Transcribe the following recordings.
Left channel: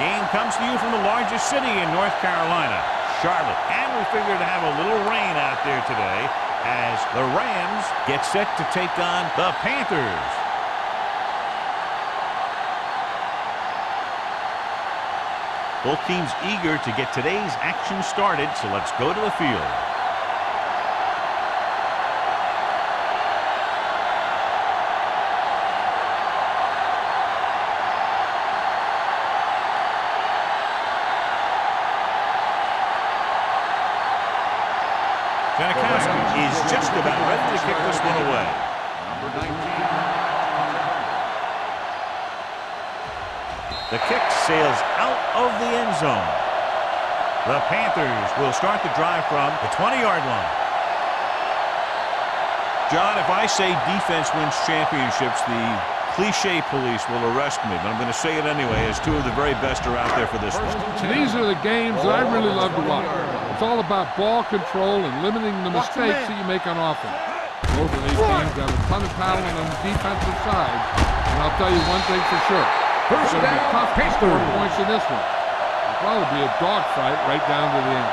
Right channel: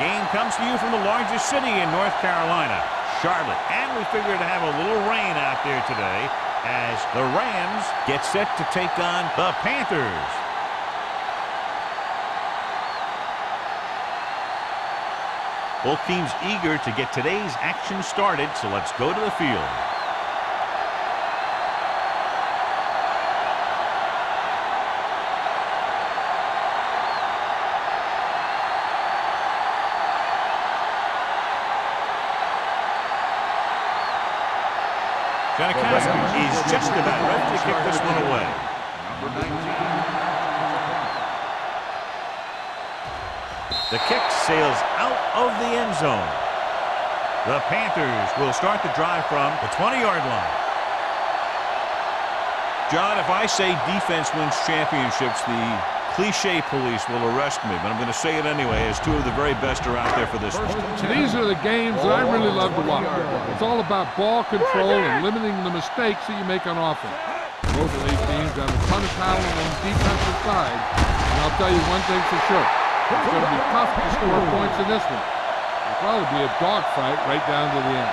game comes to you from the largest city in North Carolina, Charlotte. And we figure to have a little rain out there today as the Rams get set to take on the Panthers. Both teams eager to get today's action started, so let's go to the field. Janikowski is just about ready to kick this one away. Number 19. The kick sails out of the end zone. The Panthers will start the drive from the 20-yard line. John, if I say defense wins championships, the cliche police will arrest me, but I'm going to say it anyway, as two of the very best are out there for this one. These are the games that I really love to watch. It's all about ball control and limiting the mistakes that you make on offense. Both of these teams have a ton of talent on the defensive side, and I'll tell you one thing for sure. It's going to be tough to score points in this one. It'll probably be a dogfight right down to the end.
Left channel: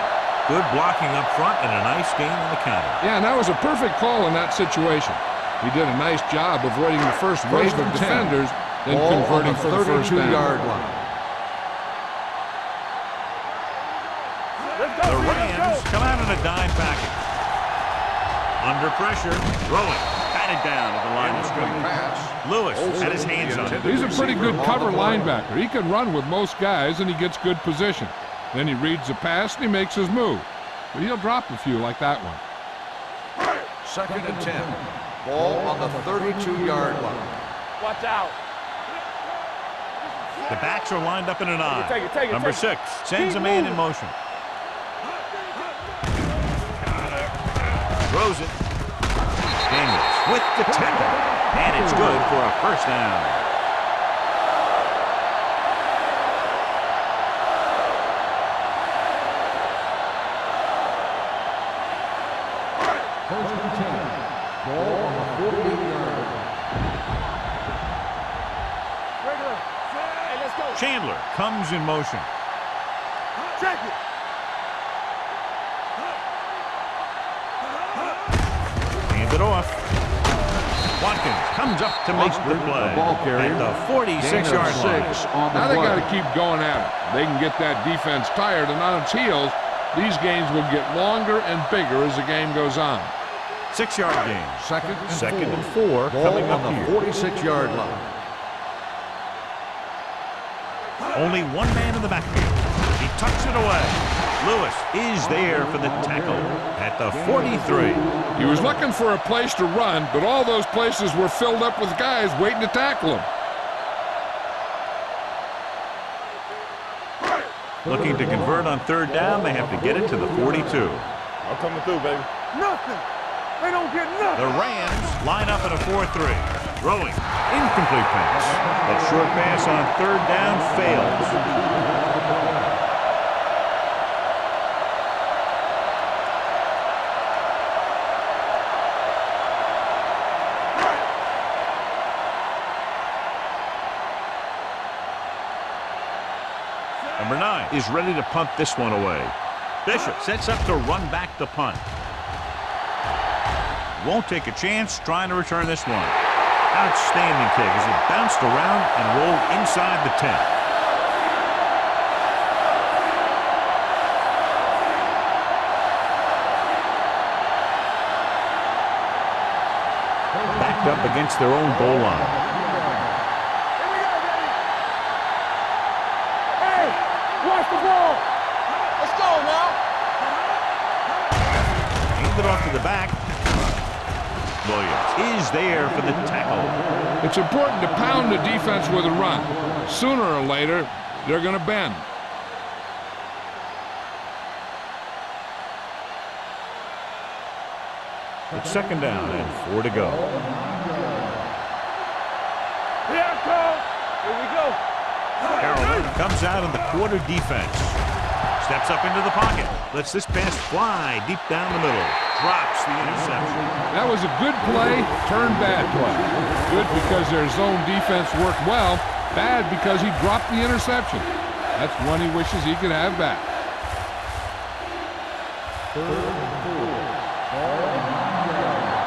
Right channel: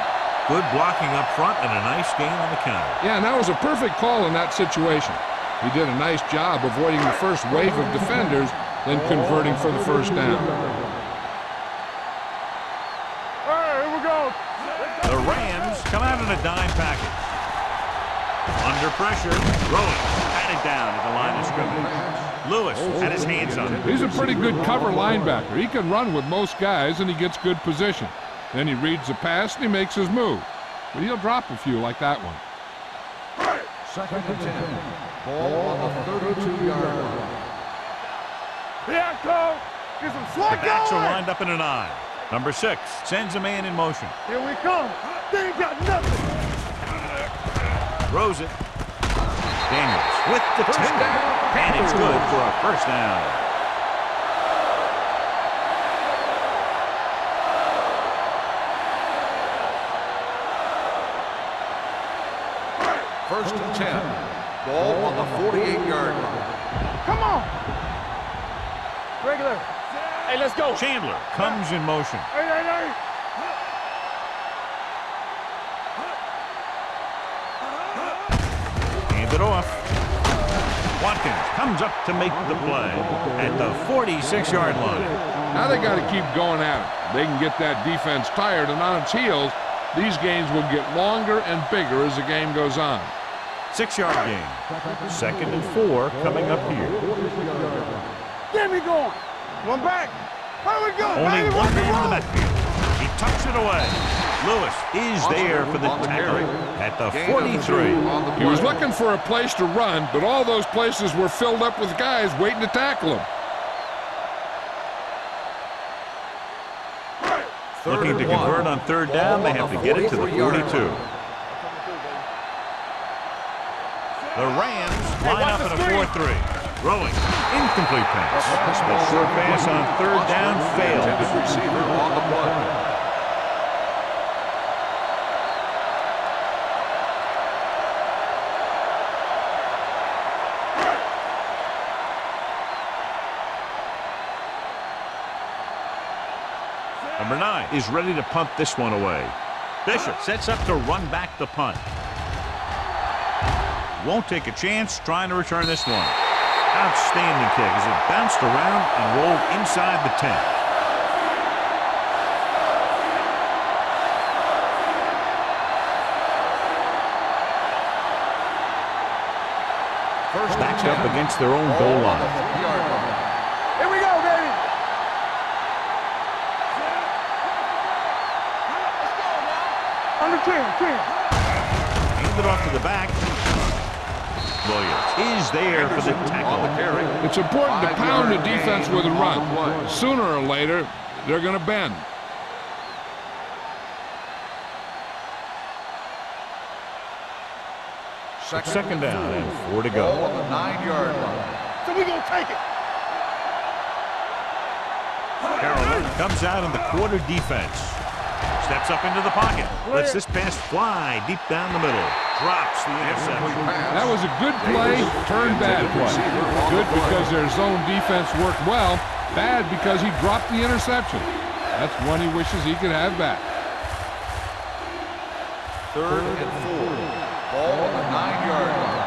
Good blocking up front and a nice gain on the counter. Yeah, and that was a perfect call in that situation. He did a nice job avoiding the first wave of defenders, then converting for the first down. The Rams come out in a dime package. Under pressure, throwing, batted down at the line of scrimmage. Lewis had his hands on it. He's a pretty good cover linebacker. He can run with most guys, and he gets good position. Then he reads the pass, and he makes his move. But he'll drop a few like that one. 2nd and 10. Ball on the 32-yard line. Watch out. The backs are lined up in an I. Number 6 sends a man in motion. Here we come. Throws it. Daniels with the tackle. And it's good for a first down. First and 10. Ball on the 48-yard line. Come on. Regular. Hey, let's go. Chandler comes in motion. Hey. Check it. Hand it off. Watkins comes up to make the play at the 46-yard line. Now they got to keep going at it. They can get that defense tired and on its heels. These games will get longer and bigger as the game goes on. 6-yard gain. 2nd and 4 coming up here. 46-yard line. Get me going. One back. How we go? Only one man in the backfield. He tucks it away. Lewis is there for the tackle at the 43. He was looking for a place to run, but all those places were filled up with guys waiting to tackle him. Looking to convert on 3rd down, they have to get it to the 42. I'm coming through, baby. Nothing. They don't get nothing. The Rams line up in a 4-3. Throwing. Incomplete pass. That short pass on 3rd down fails. Number 9 is ready to punt this one away. Bishop sets up to run back the punt. Won't take a chance trying to return this one. Outstanding kick as it bounced around and rolled inside the 10. Backed up against their own goal line. Here we go, baby. Hey, watch the ball. Let's go now. I'm the king. Hand it off to the back. Williams is there for the tackle. It's important to pound the defense with a run. Sooner or later, they're going to bend. It's 2nd down and 4 to go. On the 9-yard line. So we're going to take it. Here we go. Carolina comes out in the quarter defense. Steps up into the pocket. Lets this pass fly deep down the middle. Drops the interception. That was a good play, turned bad play. Good because their zone defense worked well. Bad because he dropped the interception. That's one he wishes he could have back. 3rd and 4. Ball on the 9-yard line.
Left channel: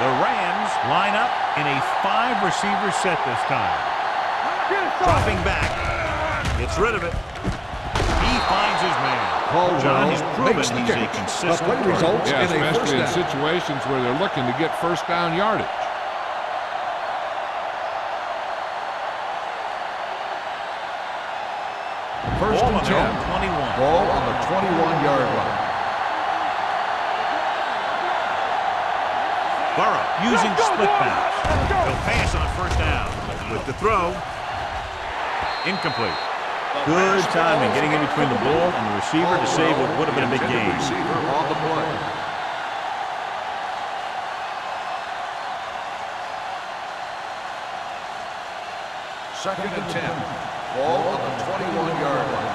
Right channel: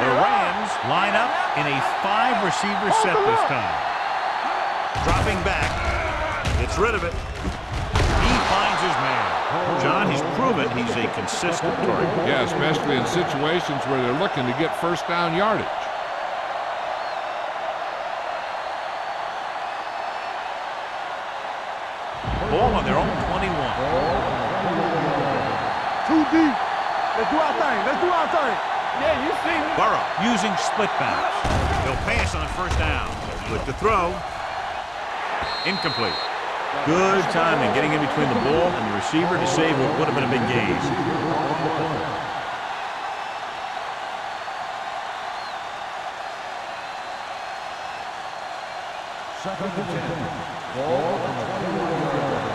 The Rams line up in a 5-receiver set this time. Dropping back. Gets rid of it. He finds his man. John, he's proven he's a consistent target. Yeah, especially in situations where they're looking to get first down yardage. Ball on their own 21. Ball on the 21-yard line. Too deep. Let's do our thing. Let's do our thing. Yeah, you see him. Burrow using split bounce. He'll pass on first down. With the throw. Incomplete. Good timing getting in between the ball and the receiver to save what would have been a big gain. Receiver on the play. Second and 10. Ball on the 21-yard line.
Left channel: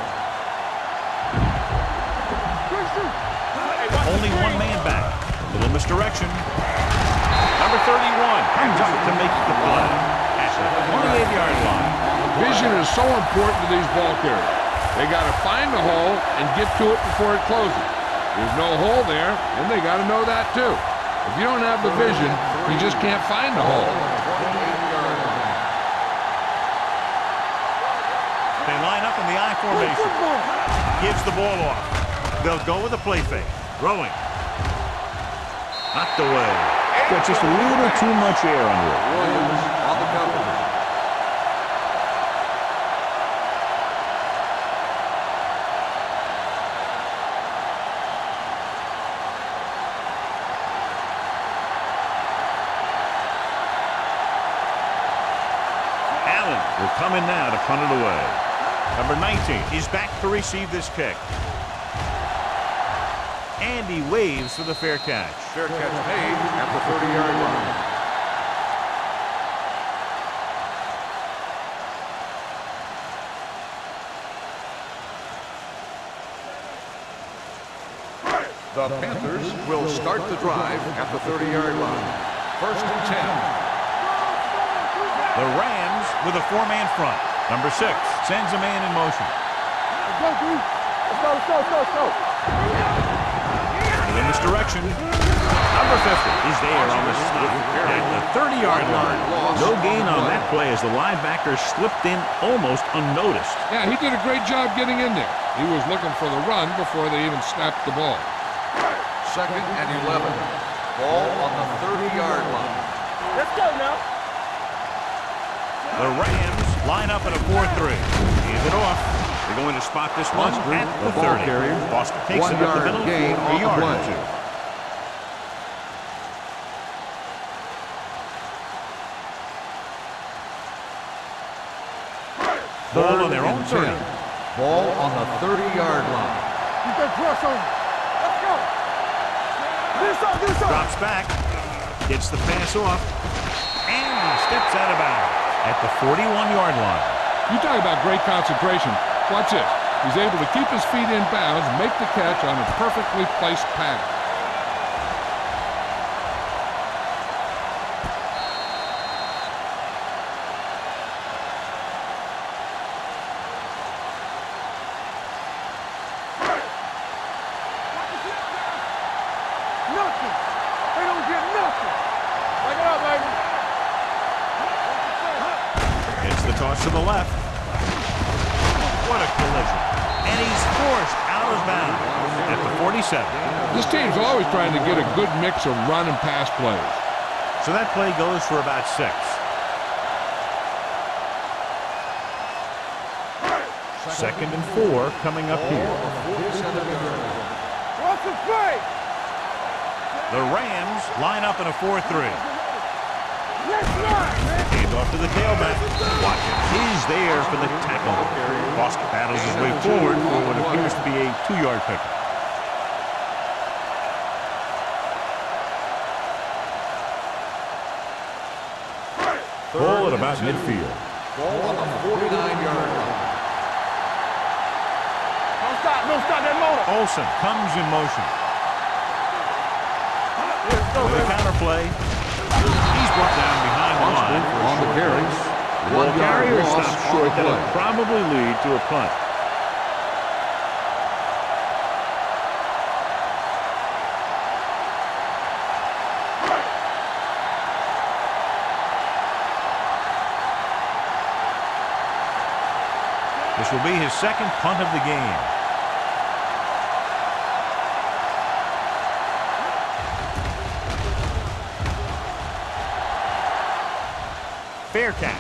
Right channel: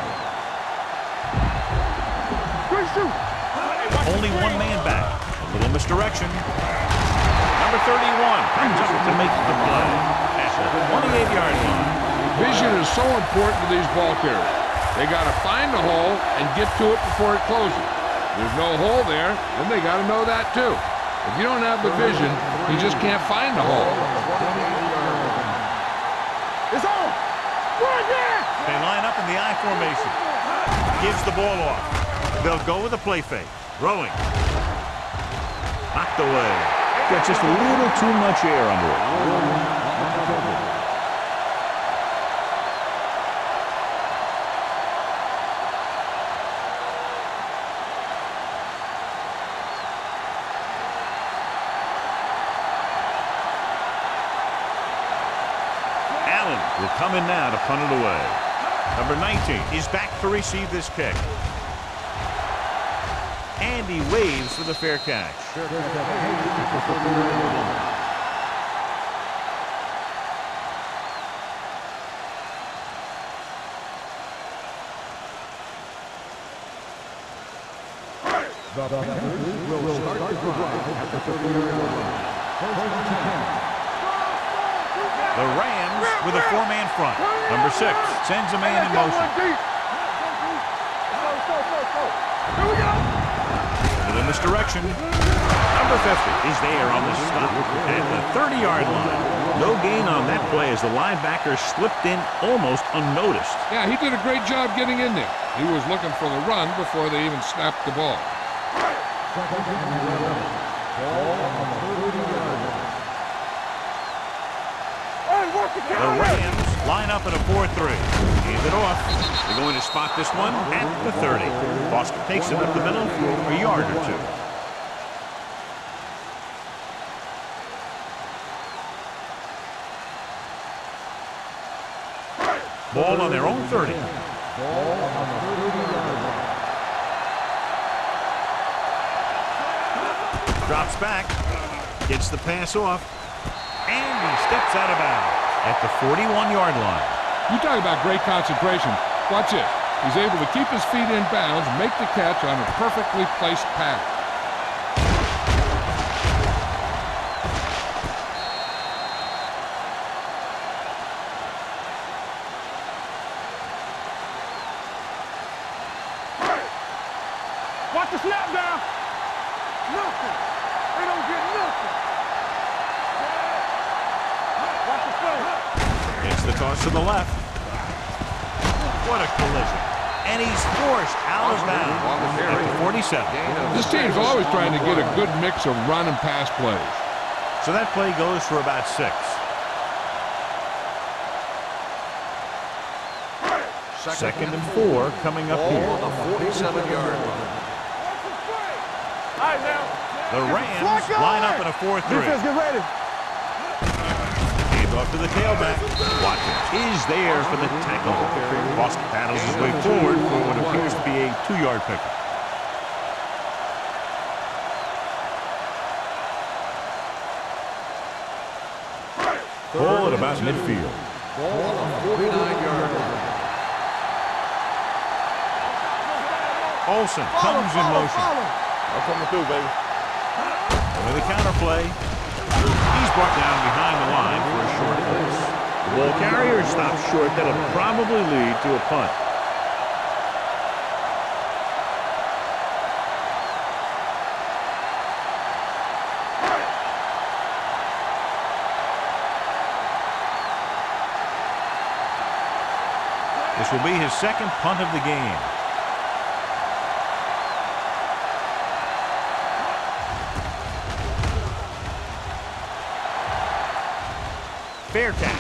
Only one man back. A little misdirection. Number 31 comes up to make the play at the 28-yard line. Vision is so important to these ball carriers. They got to find the hole and get to it before it closes. There's no hole there, and they got to know that too. If you don't have the vision, you just can't find the hole. On the 28-yard line. They line up in the I formation. Gives the ball off. They'll go with a play fake. Throwing. Knocked away. Got just a little too much air under it. Williams on the cover. Allen will come in now to punt it away. Number 19 is back to receive this kick. And he waves for the fair catch. Fair catch made at the 30-yard line. The Panthers will start the drive at the 30-yard line. 1st and 10. The Rams with a 4-man front. Number 6 sends a man in motion. Let's go. Here we go. Into the misdirection. Number 50 is there on the stop at the 30-yard line. No gain on that play as the linebacker slipped in almost unnoticed. Yeah, he did a great job getting in there. He was looking for the run before they even snapped the ball. 2nd and 11. Ball on the 30-yard line. Let's go now. The Rams line up in a 4-3. Hand it off. They're going to spot this one at the 30. Foster takes it up the middle for a yard or two. Ball on their own 30. Ball on the 30-yard line. Drops back. Gets the pass off. And he steps out of bounds at the 41-yard line. You talk about great concentration. Watch this. He's able to keep his feet in bounds, make the catch on a perfectly placed pass. Watch the snap down. Nothing. They don't get nothing. Back it up, baby. Watch the play. Gets the toss to the left. What a collision. And he's forced out of bounds at the 47. This team's always trying to get a good mix of run and pass plays. So that play goes for about 6. Second and 4 coming up here. Ball on the 47-yard line. Watch the play. All right, now. The Rams line up in a 4-3. Let's get ready. Hand off to the tailback. Watkins is there for the tackle. Foster battles his way forward for what appears to be a 2-yard pickup. Ball at about midfield. Ball on the 49-yard line. Don't stop that motor. Olsen comes in motion. I'm coming through, baby. With a counter play. He's brought down behind the line for a short pass. The ball carrier stops short. That'll probably lead to a punt. This will be his second punt of the game. Fair catch.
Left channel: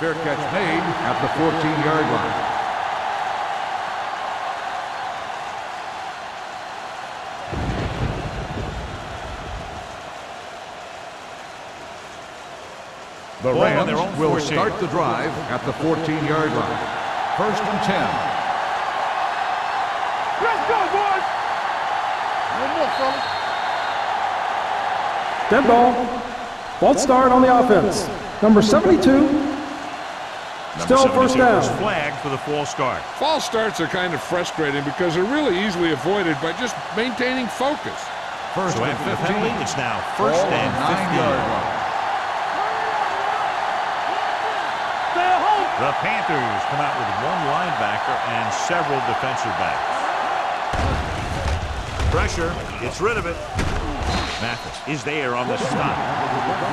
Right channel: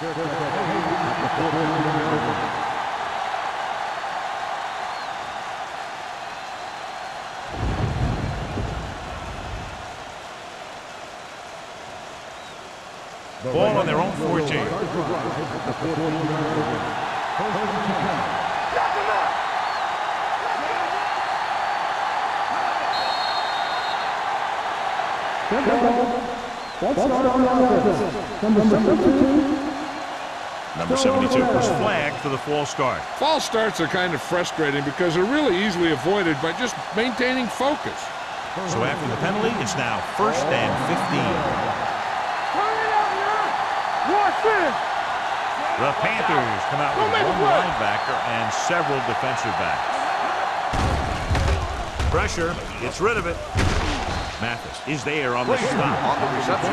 Fair catch made at the 14-yard line. The Ball on their own Rams will 14. start the drive at the 14-yard line. 1st and 10. Let's go, boys! Dead ball. False start on the offense. Number 72. Number Still first 72 down. was flagged for the false start. False starts are kind of frustrating because they're really easily avoided by just maintaining focus. So after the penalty, it's now 1st and 15. The Panthers come out with one linebacker and several defensive backs. Pressure, gets rid of it. Mathis is there on the stop.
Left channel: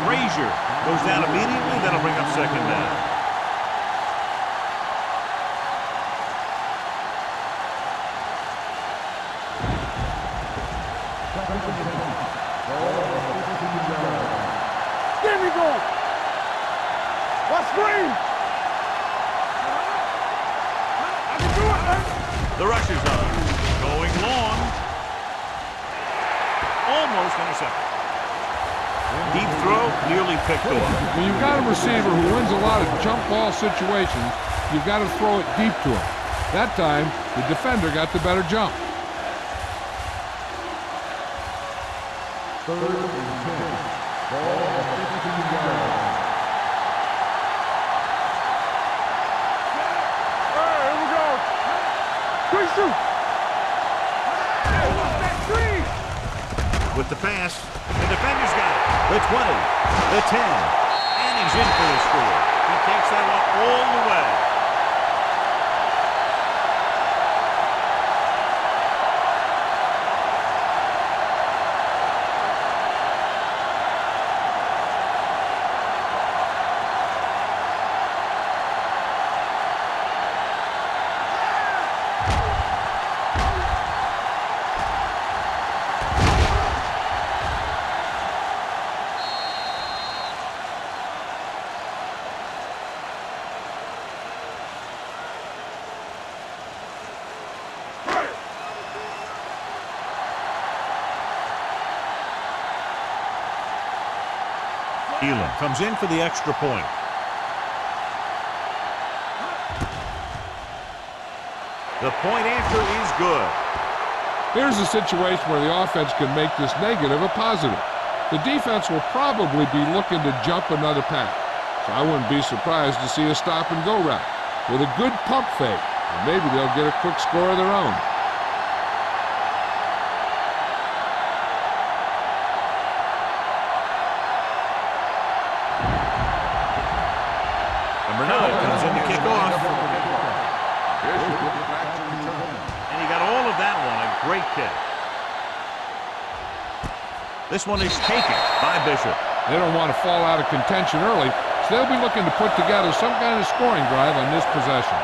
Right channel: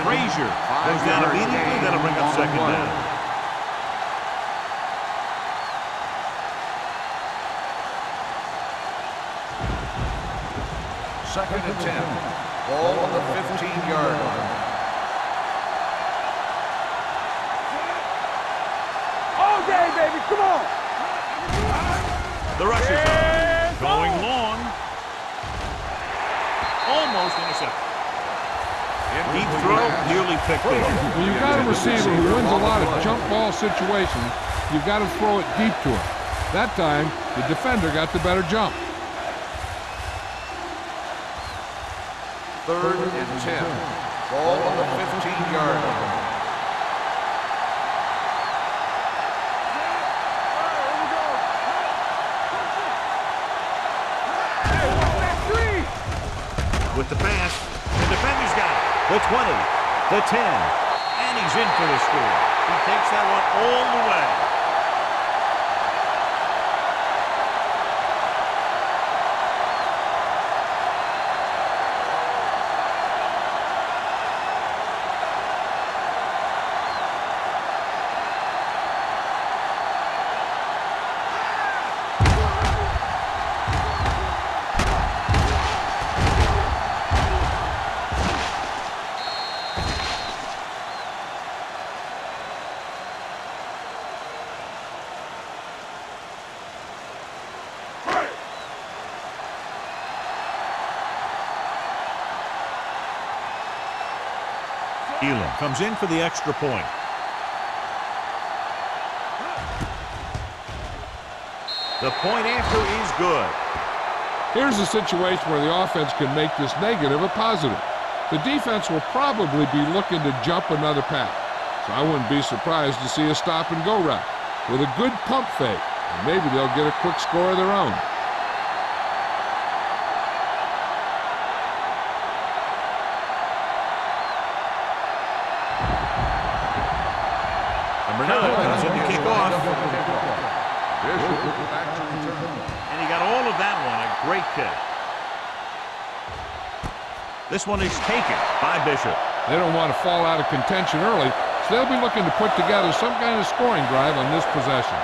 Frazier goes down immediately. That'll bring up 2nd down. Second and 10. Ball on the 15-yard line. There we go. Let's swing. All day, baby. Come on. I can do it, man. The rush is on. Going long. Almost intercepted. Deep throw, nearly picked off. When you've got a receiver who wins a lot of jump ball situations, you've got to throw it deep to him. That time, the defender got the better jump. 3rd and 10. Ball on the 15-yard line. Here we go. Quick shoot. Hey, watch that screen. With the pass, the defender's got it. The 20, the 10, and he's in for the score. He takes that one all the way. Elam comes in for the extra point. The point after is good. Here's a situation where the offense can make this negative a positive. The defense will probably be looking to jump another pack, so I wouldn't be surprised to see a stop-and-go route with a good pump fake, and maybe they'll get a quick score of their own. Number 9 comes in to kick off. Bishop will go back to return. And he got all of that one. A great kick. This one is taken by Bishop. They don't want to fall out of contention early, so they'll be looking to put together some kind of scoring drive on this possession.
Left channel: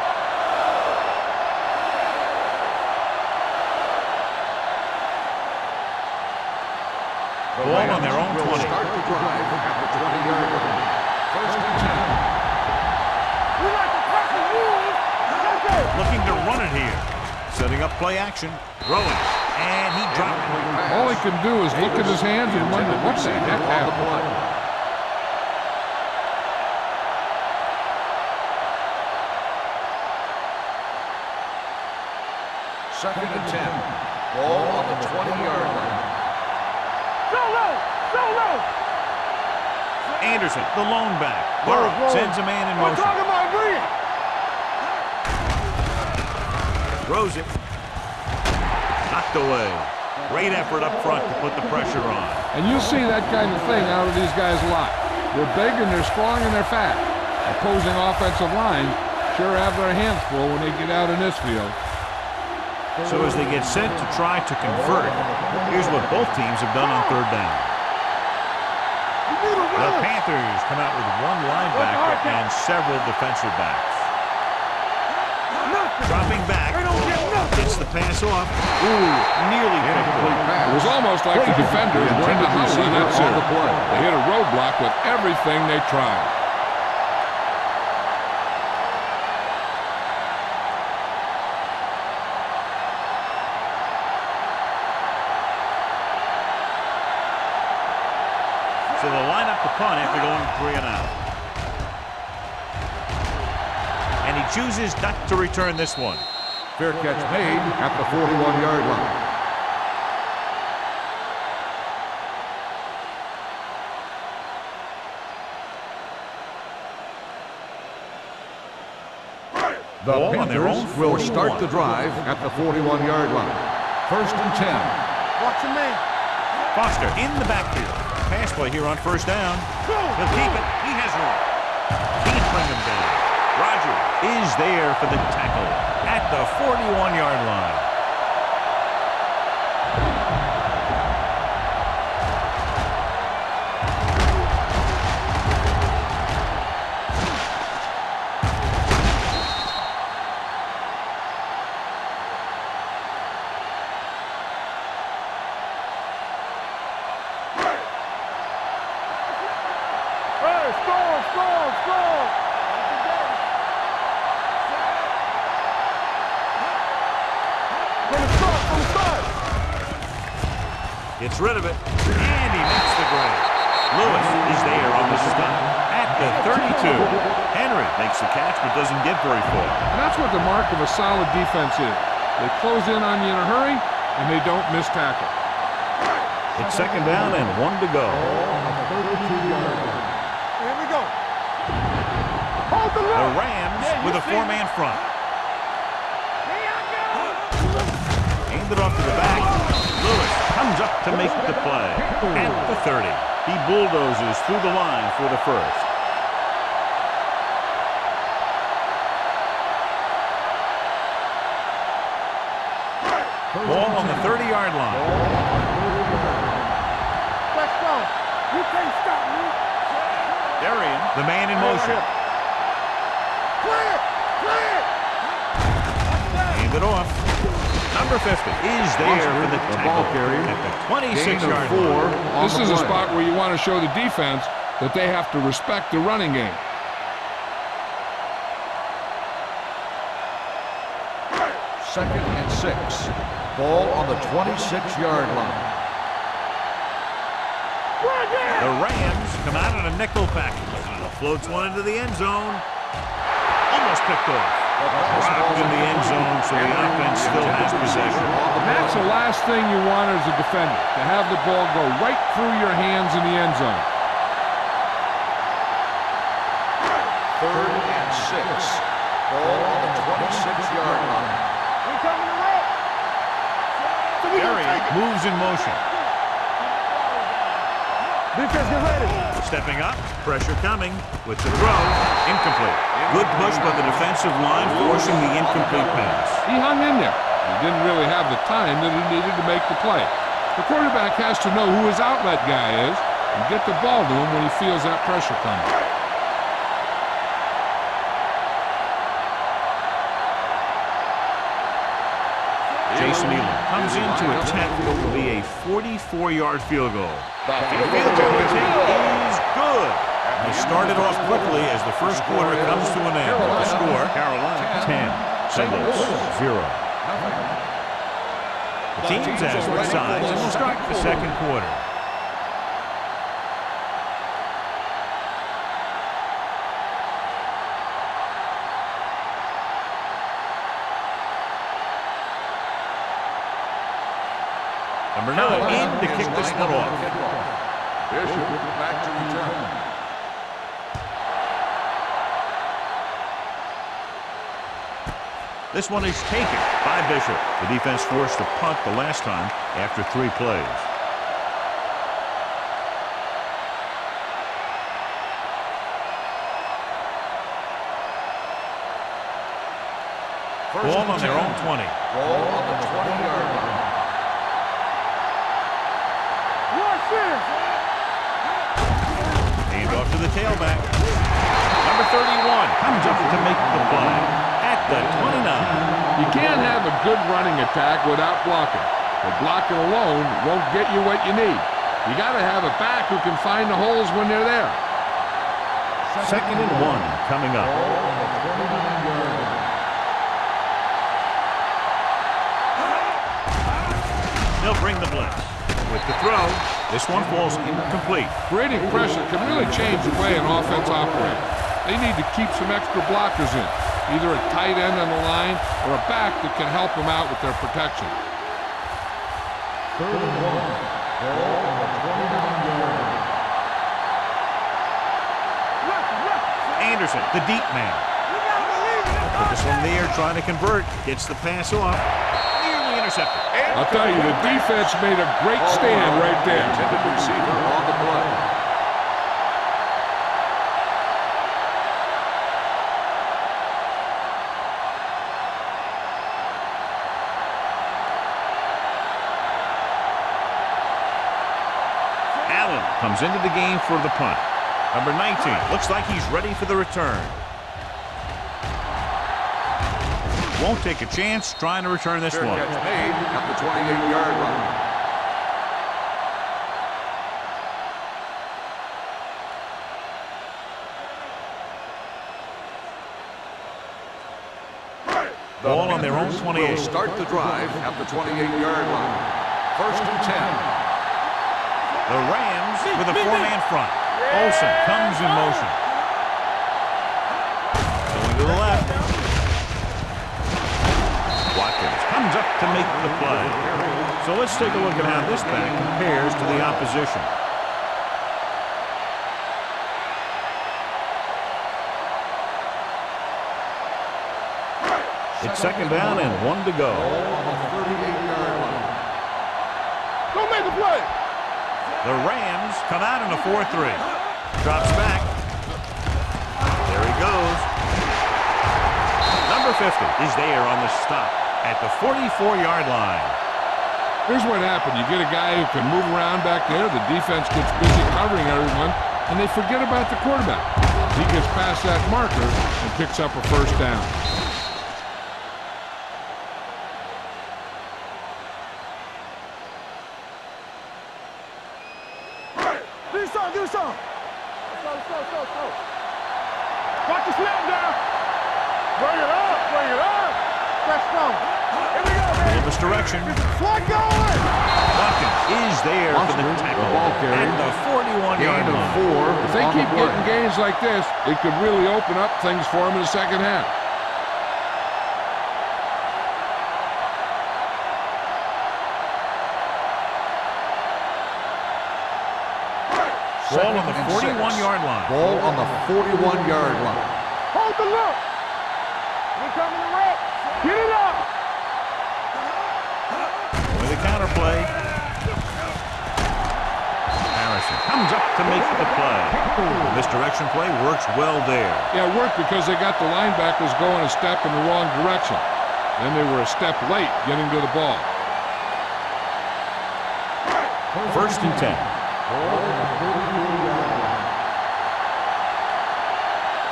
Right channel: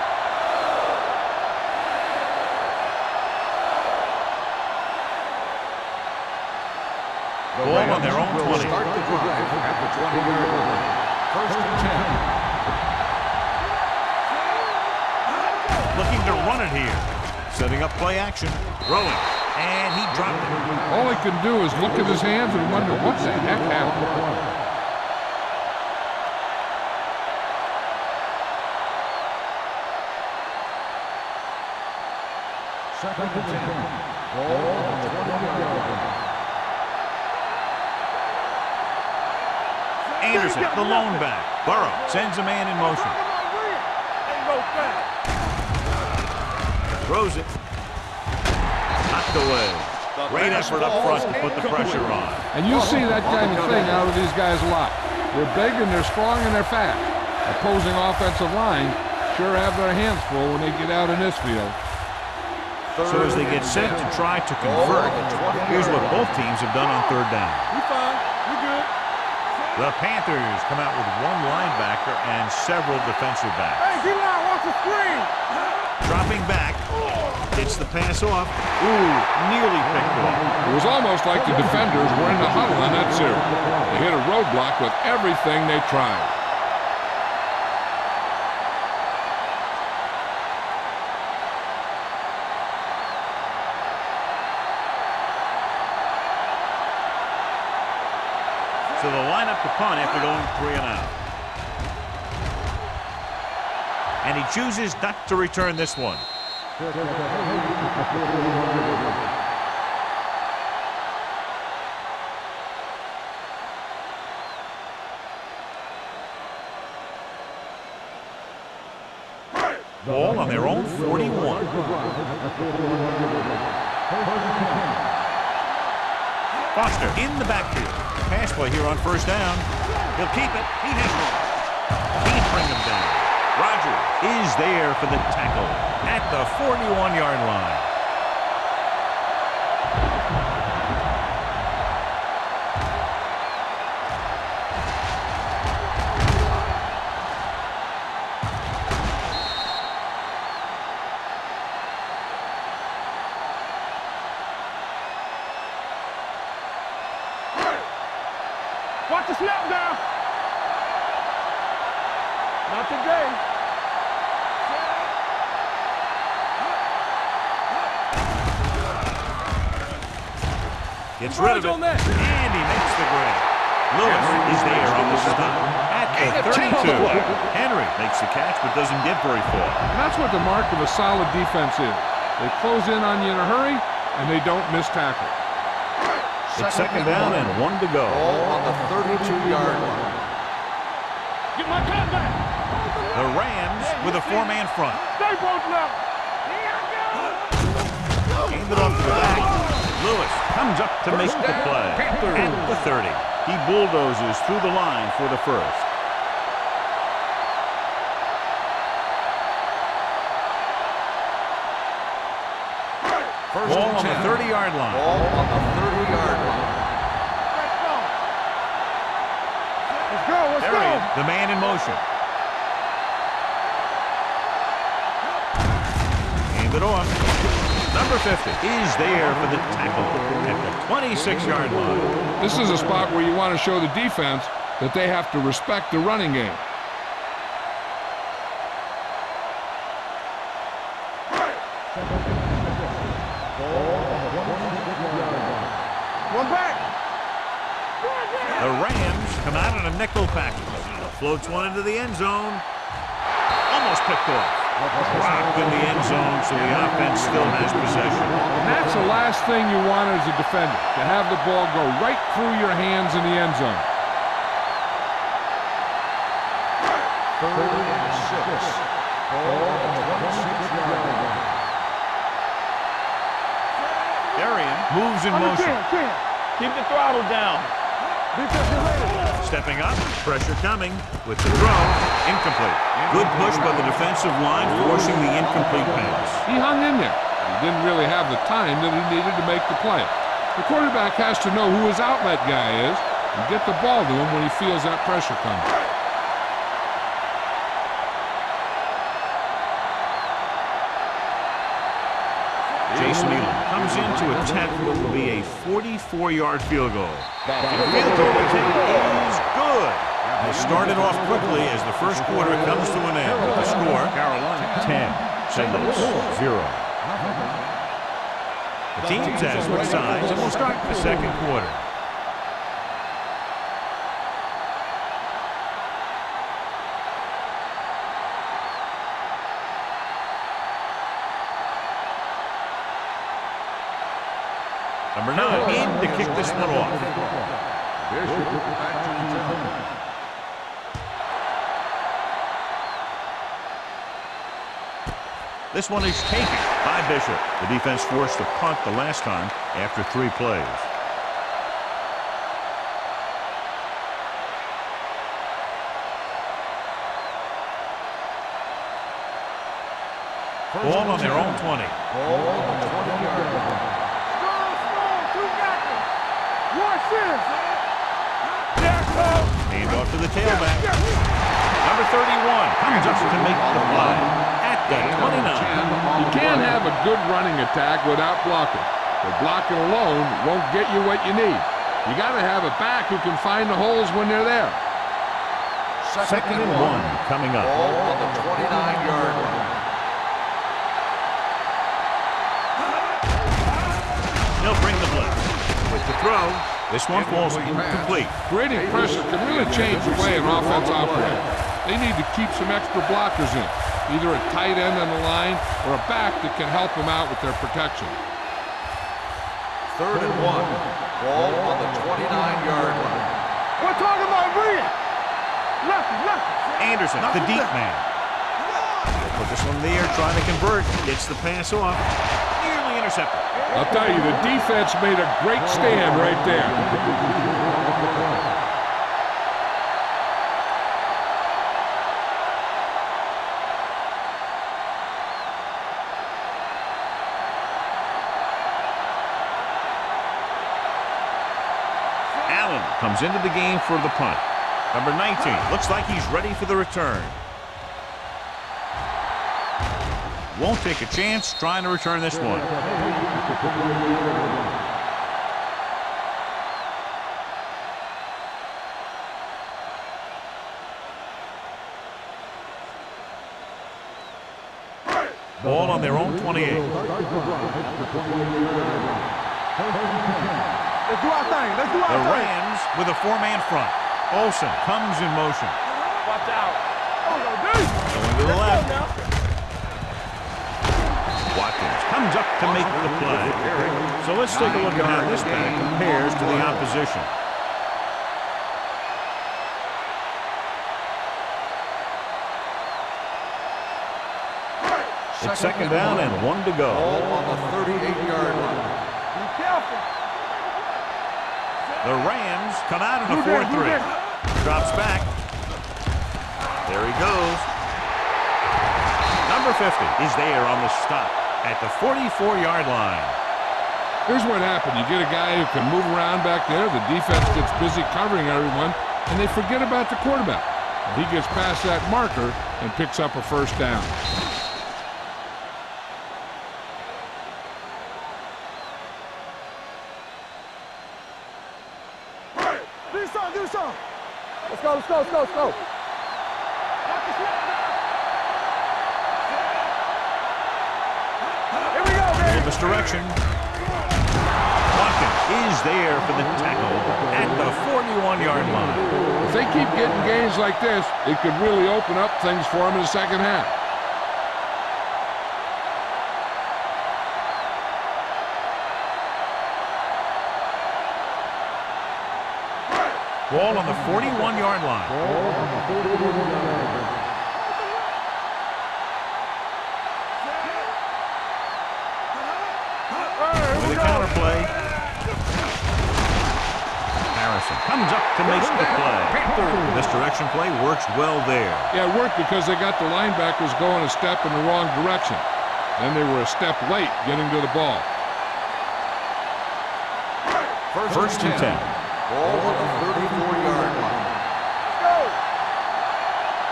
Ball on their own 20. Start the drive at the 20-yard line. 1st and 10. Looking to run it here. Setting up play action. Throwing. And he dropped it. All he can do is look at his hands and wonder what the heck happened. Second and 10. Ball on the 20-yard line. Anderson, the lone back. Burrow sends a man in motion. Throws it. Knocked away. Great effort up front to put the pressure on. And you'll see that kind of thing out of these guys a lot. They're big and they're strong and they're fast. Opposing offensive lines sure have their hands full when they get out in this field. So as they get set to try to convert, here's what both teams have done on third down. The Panthers come out with one linebacker and several defensive backs. Dropping back, gets the pass off. Ooh, nearly picked off. It was almost like the defenders were in the huddle on that series. They hit a roadblock with everything they tried. So they'll line up to punt after going 3 and out. And he chooses not to return this one. Fair catch made at the 41-yard line. The Ball on their own will 41. start the drive at the 41-yard line. 1st and 10. Foster in the backfield. Pass play here on 1st down. He'll keep it. He has room. Can't bring him down. Rogers is there for the tackle at the 41-yard line. Watch the snap now. Hey, strong. Not today. Set. Gets rid of it, and he makes the grab. Lewis is there on the stop at the 32. Henry makes the catch but doesn't get very far. And that's what the mark of a solid defense is. They close in on you in a hurry, and they don't miss tackle. It's 2nd down and 1 to go. On the 32-yard line. Here we go. Get my cat back. Hold the The line. Rams with a 4-man front. Stay both left. Here I go. Hand it off to the back. Lewis comes up to make the play at the 30. He bulldozes through the line for the first. Ball on the 30-yard line. Let's go. You can't stop me. Let's go. Let's go. Darian, the man in motion. Hand it off. Number 50 is there for the tackle at the 26-yard line. This is a spot where you want to show the defense that they have to respect the running game. Second and 6. Ball on the 26-yard line. One back. The Rams come out in a nickel package. Floats one into the end zone. Almost picked off. Dropped in the end zone, so the offense still has possession. And that's the last thing you want as a defender, to have the ball go right through your hands in the end zone. 3rd and 6. Ball on the 26-yard line. Darian moves in motion. Keep the throttle down. Defense, get ready. Stepping up, pressure coming with the throw, incomplete. Good push by the defensive line, forcing the incomplete pass. He hung in there. He didn't really have the time that he needed to make the play. The quarterback has to know who his outlet guy is and get the ball to him when he feels that pressure coming. Jason Elam comes in to attempt what will be a 44-yard field goal. The field goal attempt is good. They started off quickly as the first quarter comes to an end with the score, Carolina 10, St. Louis 0. The teams have switched sides and will start the second quarter. Number 9 in to kick this one off. Bishop back to return. This one is taken by Bishop. The defense forced to punt the last time after 3 plays. Ball on their own 20. Ball on the 20-yard line. Watch this. Hand off to the tailback. Number 31 comes up to make the play at the 29. You can't have a good running attack without blocking. But blocking alone won't get you what you need. You got to have a back who can find the holes when they're there. 2nd and 1 coming up. Ball on the 29-yard line. They'll bring the blitz. With the throw, this one falls incomplete. Creating pressure can really change the way an offense operates. They need to keep some extra blockers in, either a tight end on the line or a back that can help them out with their protection. 3rd and 1. Ball on the 29-yard line. We're talking about Reed. Lefty. Anderson, the deep man. They'll put this one in the air, trying to convert. Gets the pass off. Nearly intercepted. I'll tell you, the defense made a great stand right there. Intended receiver on the play. Allen comes into the game for the punt. Number 19 looks like he's ready for the return. Won't take a chance trying to return this one. Catch made at the 28-yard line. Ball on their own 28. Start the drive at the 28-yard line. 1st and 10. Let's do our thing. The Rams with a 4-man front. Olsen comes in motion. Going to the left. Watkins comes up to make the play. So let's take a look at how this back compares to the opposition. It's 2nd down and 1 to go. Ball on the 38-yard line. Be careful. Don't make a play. The Rams come out in a 4-3. Drops back. There he goes. Number 50 is there on the stop at the 44-yard line. Here's what happened. You get a guy who can move around back there. The defense gets busy covering everyone, and they forget about the quarterback. He gets past that marker and picks up a 1st down. Do something. Let's go. Watch the snap now. Bring it up. Let's go. Here we go, baby. In this direction. Watkins is there for the tackle at the 41-yard line. If they keep getting gains like this, it could really open up things for them in the 2nd half. Ball on the 41-yard line. Ball on the 41-yard line. Hold the look. We're coming to red. Get it up. With a counter play. Harrison comes up to make the play. This direction play works well there. Yeah, it worked because they got the linebackers going a step in the wrong direction. Then they were a step late getting to the ball. 1st and 10. Ball on the 34-yard line.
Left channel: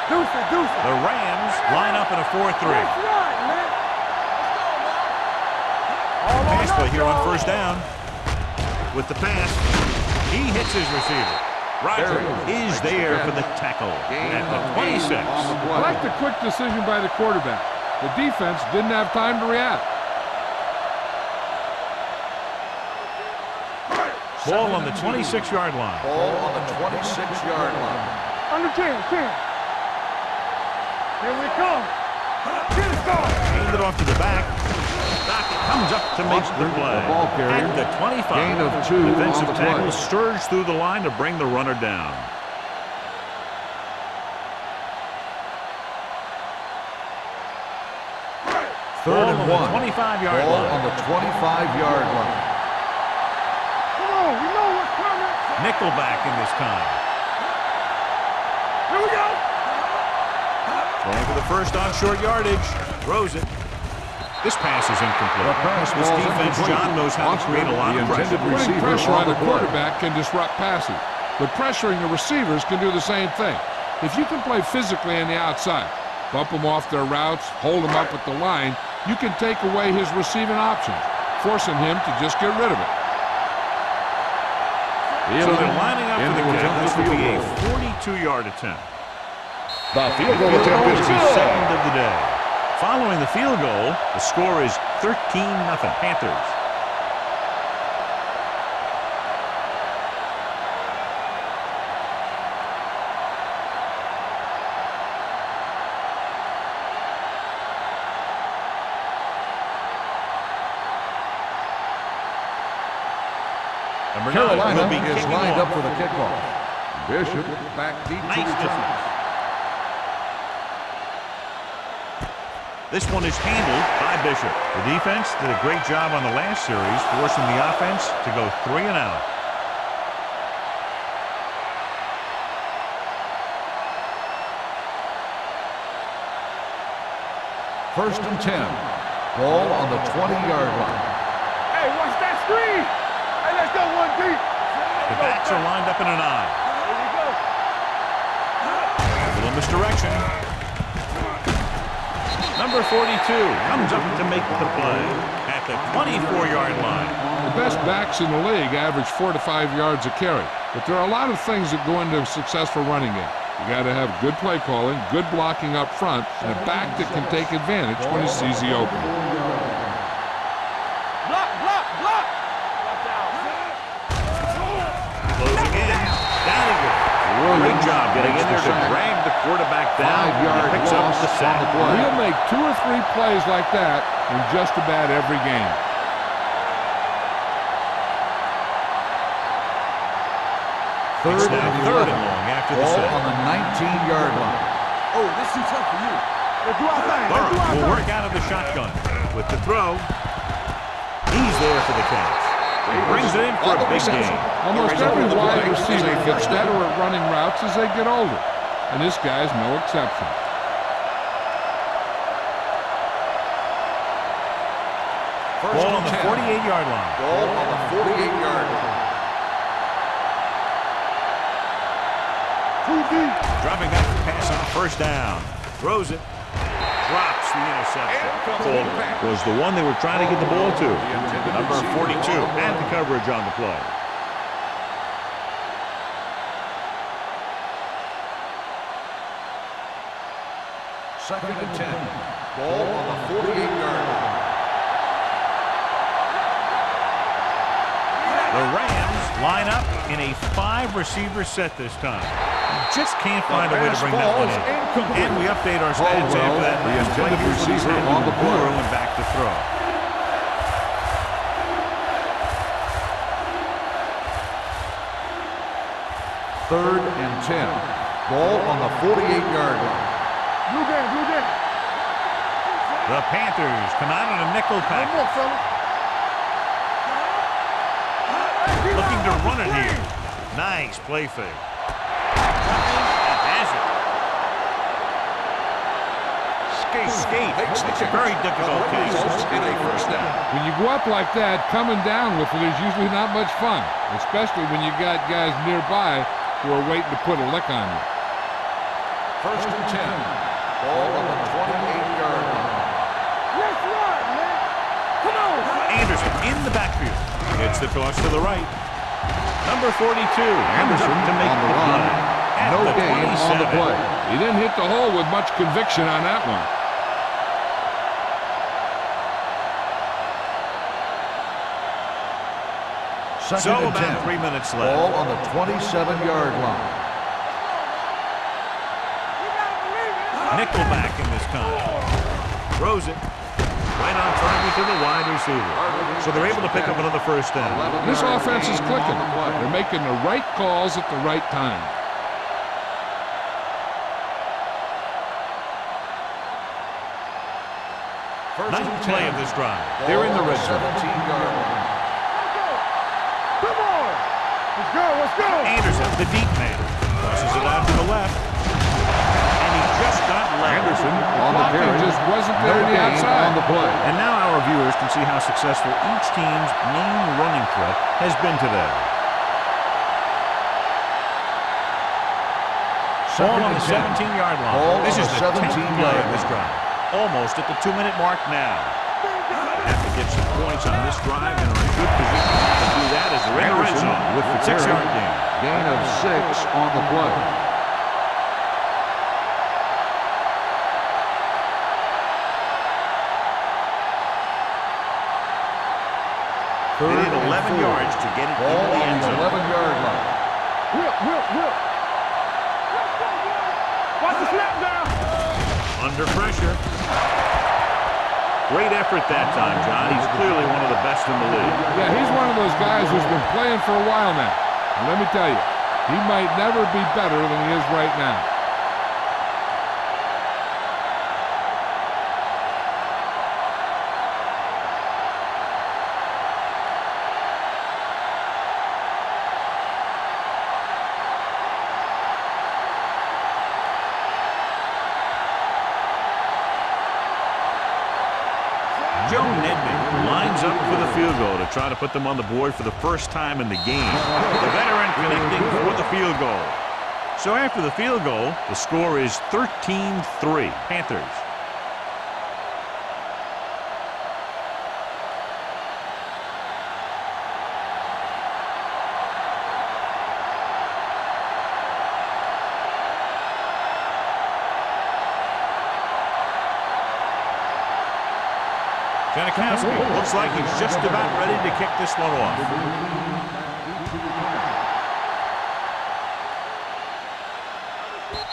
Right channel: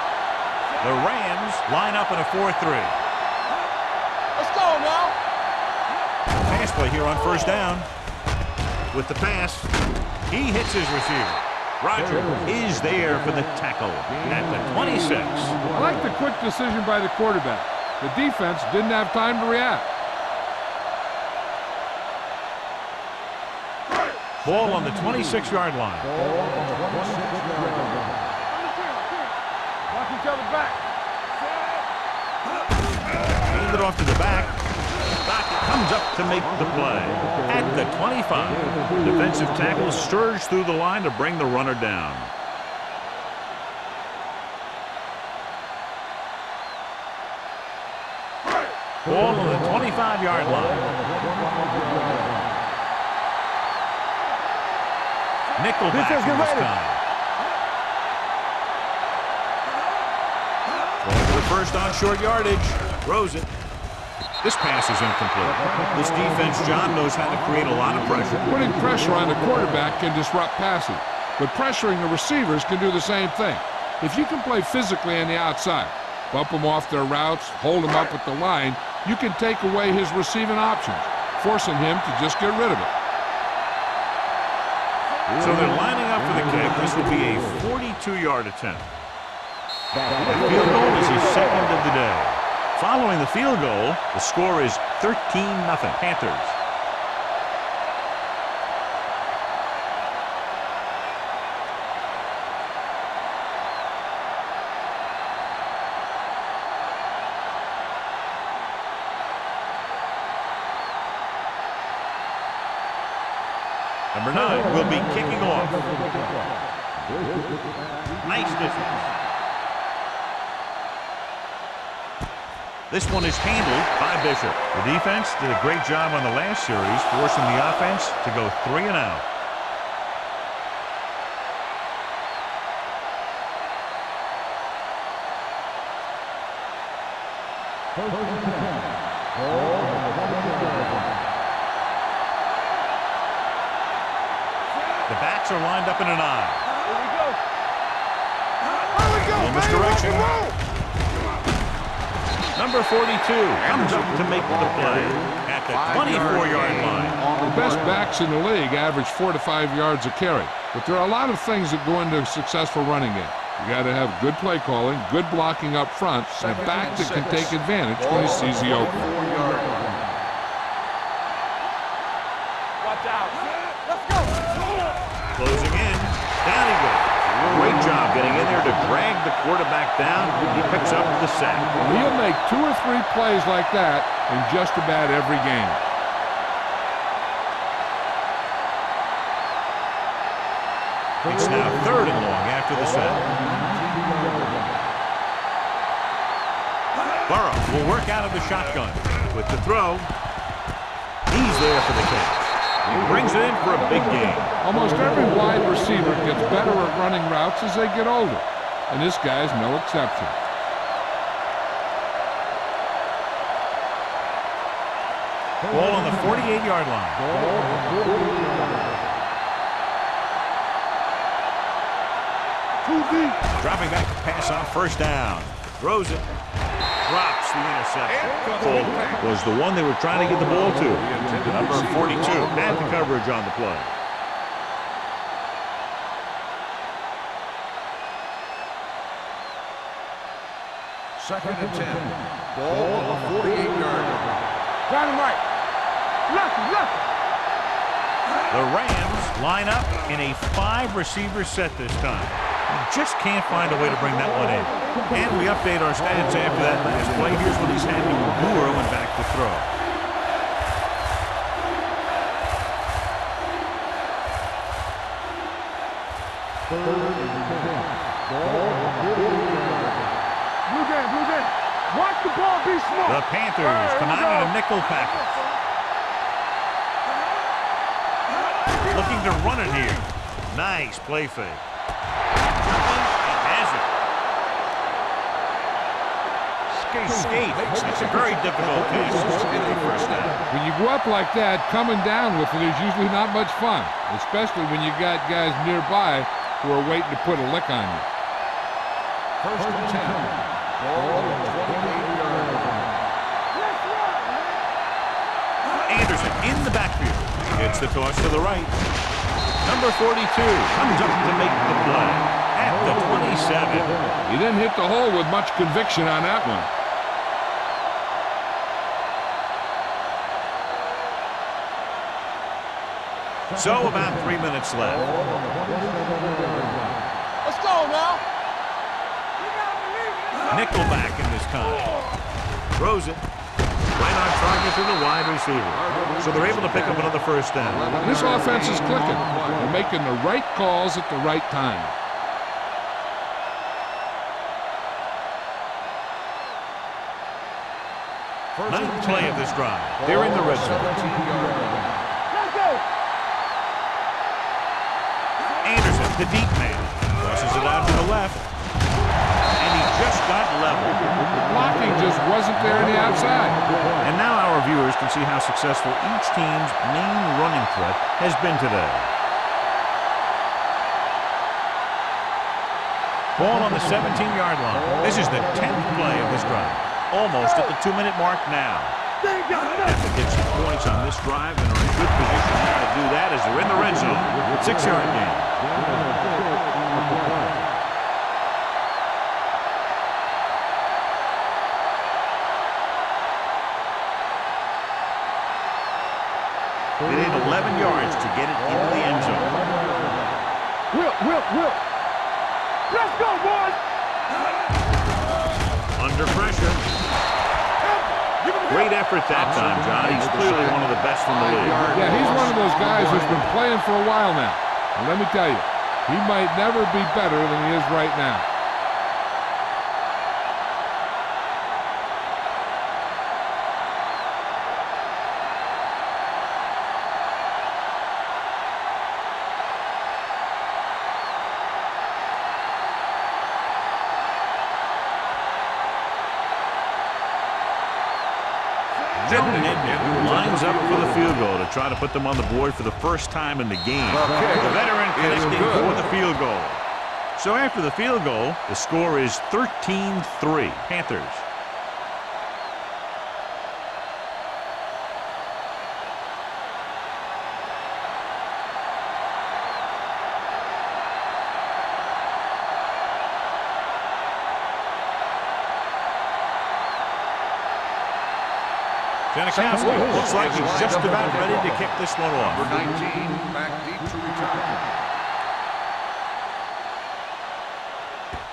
Deuce. The Rams line up in a 4-3. Let's go now. Pass play here on 1st down. With the pass, he hits his receiver. Roger is there for the tackle at the 26. I like the quick decision by the quarterback. The defense didn't have time to react. Ball on the 26-yard line. Ball on the 26-yard line. Under 10. Watch each other back. Here we come. Hand it off to the back. Dockett comes up to make the play at the 25. Defensive tackle surged through the line to bring the runner down. Ball on the 25-yard Ball line. on the 25-yard line. Nickelback in this time. Here we go. Throwing for the first on short yardage. Throws it. This pass is incomplete. This defense, John, knows how to create a lot of pressure. Putting pressure on the quarterback can disrupt passes, but pressuring the receivers can do the same thing. If you can play physically on the outside, bump them off their routes, hold them up at the line, you can take away his receiving options, forcing him to just get rid of it. So they're lining up for the kick. This will be a 42-yard attempt. The field goal is his second of the day. Following the field goal, the score is 13-0 Panthers. Number 9 will be kicking off. For the kickoff. Bishop back deep. Nice distance. This one is handled by Bishop. The defense did a great job on the last series, forcing the offense to go 3 and out. First and 10. Ball on the 20-yard line. Hey, what's that screen? Hey, let's go one deep. The backs are lined up in an I. Here we go. A little misdirection. Number 42 comes up to make the play at the 24-yard line. The best backs in the league average 4 to 5 yards a carry, but there are a lot of things that go into a successful running game. You got to have good play calling, good blocking up front, and a back that can take advantage when he sees the opening. Watch out. Closing in. Down he goes. Great job getting in there to drag the quarterback down. He picks up the sack. Well, he'll make 2 or 3 plays like that in just about every game. It's now 3rd and long after the sack. On the 19-yard line. Oh, this is tough for you. Burrow will work out of the shotgun with the throw. He's there for the catch. He brings it in for a big game. Almost every wide receiver gets better at running routes as they get older, and this guy's no exception. Ball on the 48-yard line. Ball on the 48-yard line. Too deep. Dropping back to pass on first down. Throws it. Drops the interception. Cole was the one they were trying to get the ball to. Number 42 had the coverage on the play. Second and 10. Ball on the 48-yard line. Dynamite. The Rams line up in a 5-receiver set this time. He just can't find a way to bring that one in. And we update our stats after that last play. Here's what he's had to endure when back to throw. Third and 10. Ball on the 48-yard line. Blue game, blue game. Watch the ball be set. The Panthers come out in a nickel package. Looking to run it here. Nice play fake. Jumping and has it. Skate. It's a very difficult case in a first down. When you go up like that, coming down with it is usually not much fun, especially when you got guys nearby who are waiting to put a lick on you. First and 10. Ball on the 28-yard line. Let's run, man. Come on. Anderson in the backfield. Gets the toss to the right. Number 42 comes up to make the play at the 27. He didn't hit the hole with much conviction on that one. So about 3 minutes left. Ball on the 27-yard line. Let's go now. We gotta believe it. Nickelback in this time. Throws it. Right on target to the wide receiver. So they're able to pick up another first down. And this offense is clicking. They're making the right calls at the right time. Ninth play of this drive. They're in the red zone. 17-yard line. Let's go. Come on. Let's go. Anderson, the deep man, tosses it out to the left. And he just got leveled. Blocking just wasn't there on the outside. And now our viewers can see how successful each team's main running threat has been today. Ball on the 17-yard line. This is the 10th play of this drive. Almost at the 2-minute mark now. Have to get some points on this drive and are in good position now to do that as they're in the red zone with the 6-yard gain. Gain of 6 on the play. They need 11 yards to get it into the end zone. 11-yard line. Will. Let's go, boys. Watch the snap now. Under pressure. Great effort that time, John. He's clearly one of the best in the league. Yeah, he's one of those guys who's been playing for a while now. And let me tell you, he might never be better than he is right now. Joe Nednick lines up for the field goal to try to put them on the board for the first time in the game. The veteran connecting for the field goal. So after the field goal, the score is 13-3 Panthers. Janikowski looks like he's just about ready to kick this one off.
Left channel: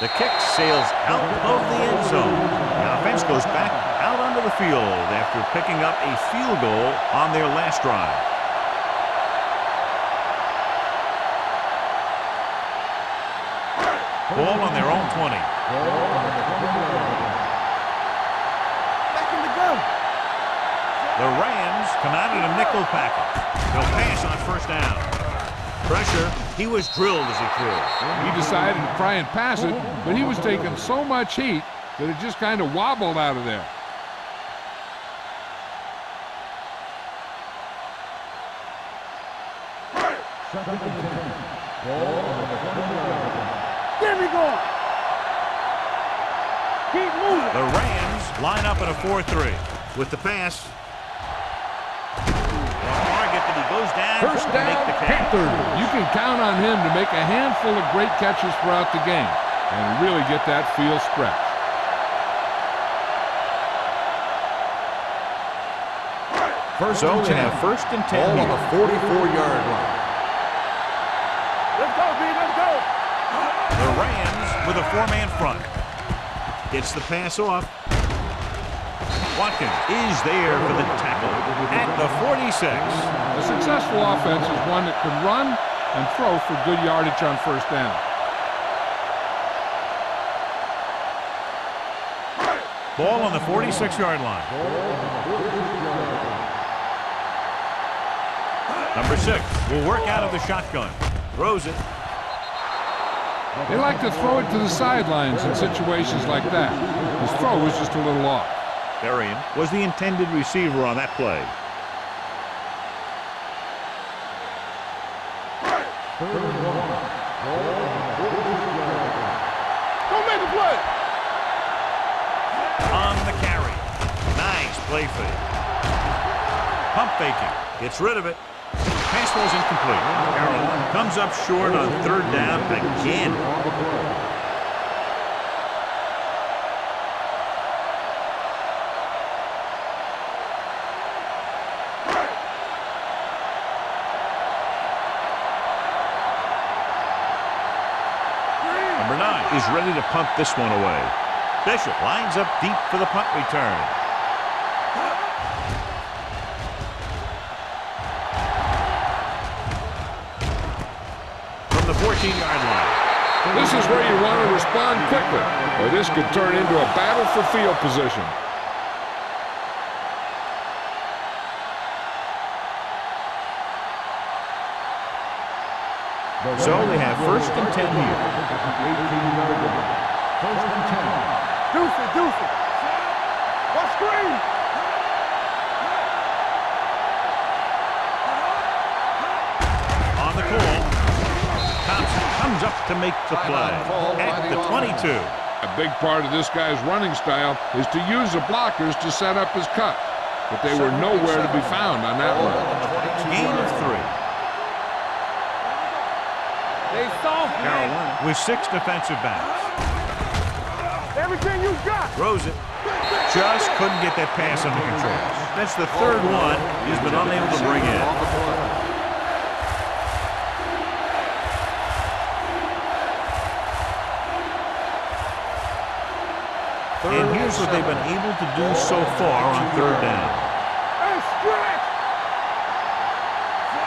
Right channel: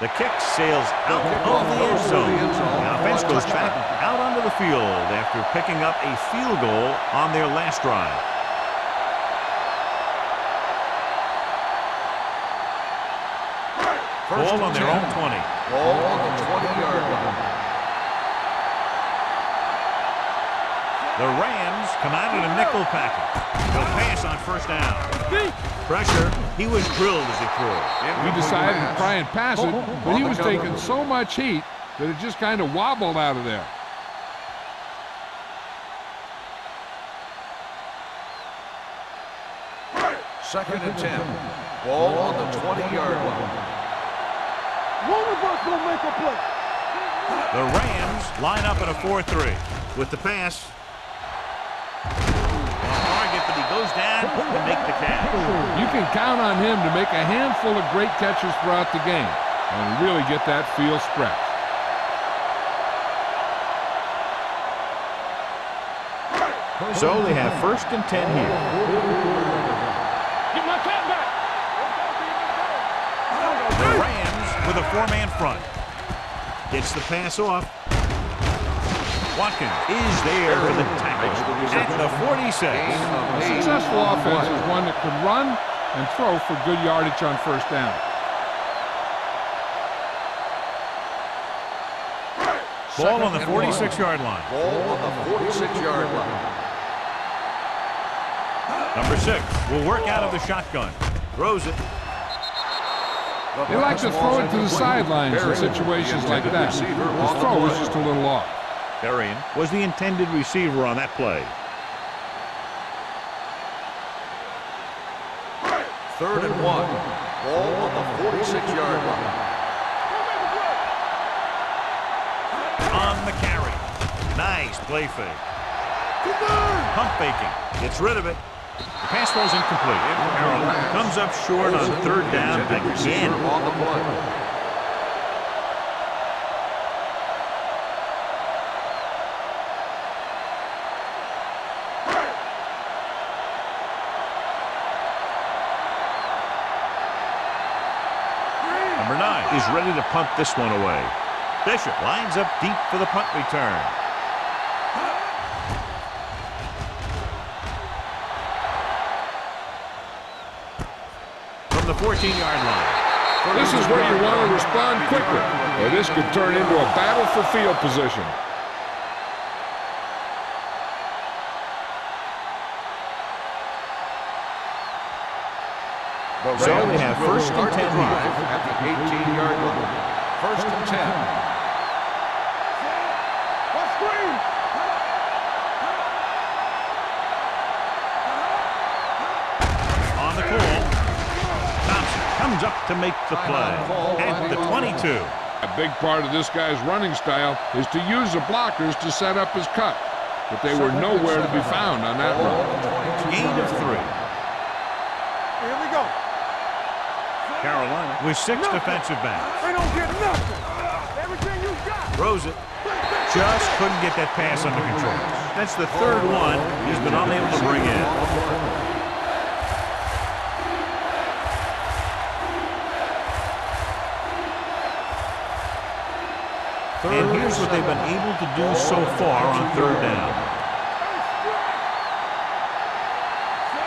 The kick sails out of the end zone. The offense goes back out onto the field after picking up a field goal on their last drive. Ball on their own 20. Ball on the 20-yard line. The Rams come out in a nickel package. They'll pass on first down. Pressure. He was drilled as he threw. He decided to try and pass it, but he was taking so much heat that it just kind of wobbled out of there. Second and 10. Ball on the 20-yard line. There we go. One make a play. Keep moving. The Rams line up in a 4-3. With the pass. On target, but he goes down to make the catch. You can count on him to make a handful of great catches throughout the game and really get that field stretch. So they have first and 10 here. 44-yard line. Get my cat back. Let's go, B. Let's go. The Rams with a 4-man front. Gets the pass off. Watkins is there for the tackle at the 46. A successful offense is one that can run and throw for good yardage on first down. Ball on the 46-yard line. Ball on the 46-yard line. Number 6 will work out of the shotgun. Throws it. They like to throw it to the sidelines in situations like that. His throw was just a little off. Berrien was the intended receiver on that play. Third and 1. Ball on the 46-yard line. Don't make a play. On the carry. Nice play fake. Pump faking. Gets rid of it. Pass ball's incomplete. Carolina comes up short on third down again. Number 9 is ready to punt this one away. Bishop lines up deep for the punt return. From the 14-yard line. This is where you want to respond quickly, or this could turn into a battle for field position. So they have first and 10 here. First and 10. Deuce it. What screen? On the call, Thompson comes up to make the play at the 22. A big part of this guy's running style is to use the blockers to set up his cut, but they were nowhere to be found on that run. Gain of 3. Carolina with 6 defensive backs. Everything you got. Throws it. Just couldn't get that pass under control. That's the third one he's been unable to bring in. And here's what they've been able to do so far on third down.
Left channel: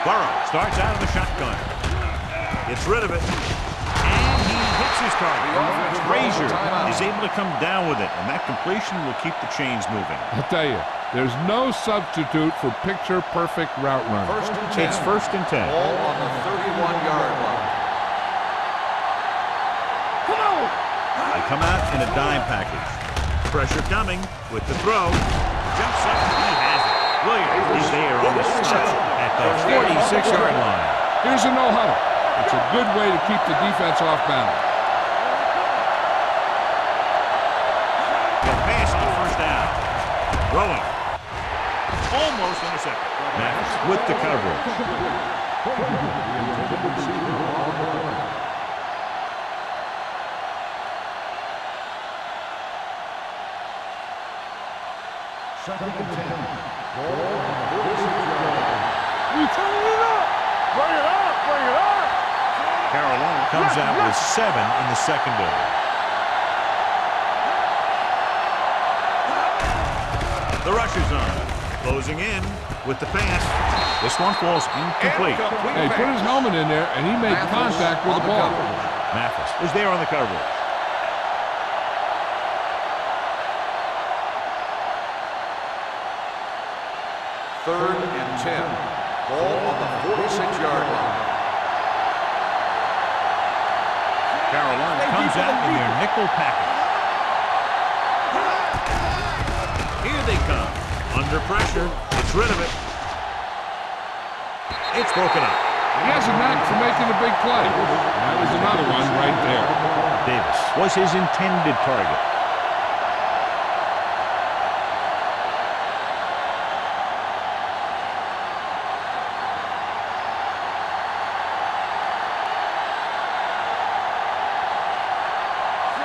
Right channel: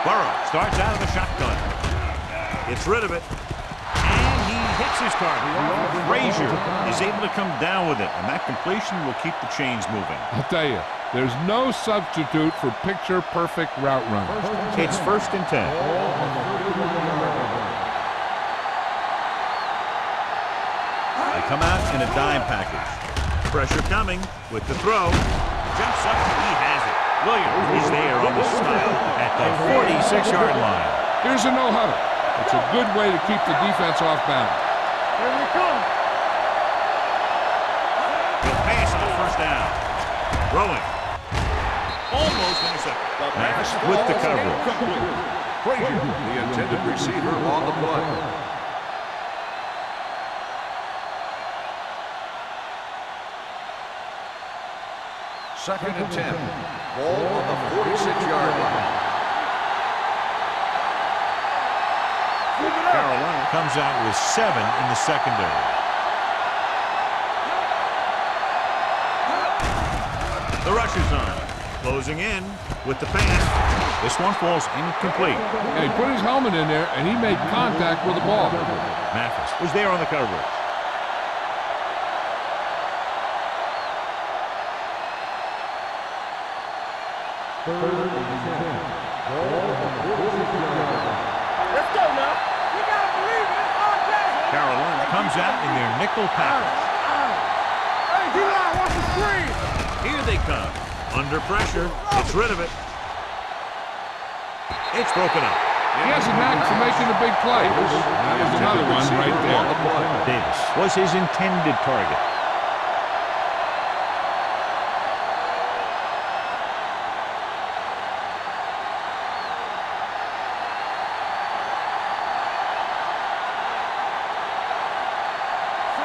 Burrow starts out of the shotgun. Gets rid of it. And he hits his target. Frazier is able to come down with it, and that completion will keep the chains moving. I'll tell you, there's no substitute for picture-perfect route running. It's first and 10. Ball on the 31-yard line. They come out in a dime package. Pressure coming with the throw. Jumps up. He has it. Williams is there on the stop at the 46-yard line. Here's a no-huddle. It's a good way to keep the defense off balance. Here we come. He'll pass on first down. Throwing. Almost intercepted. Max with the coverage. Frazier, the intended receiver, on the play. Second and 10. Ball on the 46-yard line. We turn it up. Bring it up. Carolina comes out with 7 in the secondary. The rush is on. Closing in with the pass. This one falls incomplete. Yeah, he put his helmet in there, and he made contact with the ball. Mathis was there on the coverage. Third and 10. Ball on the 46-yard line. Let's go now. Carolina comes out in their nickel package. Here they come. Under pressure. Gets rid of it. It's broken up. He has a knack for making a big play. That was another one right there. Davis was his intended target.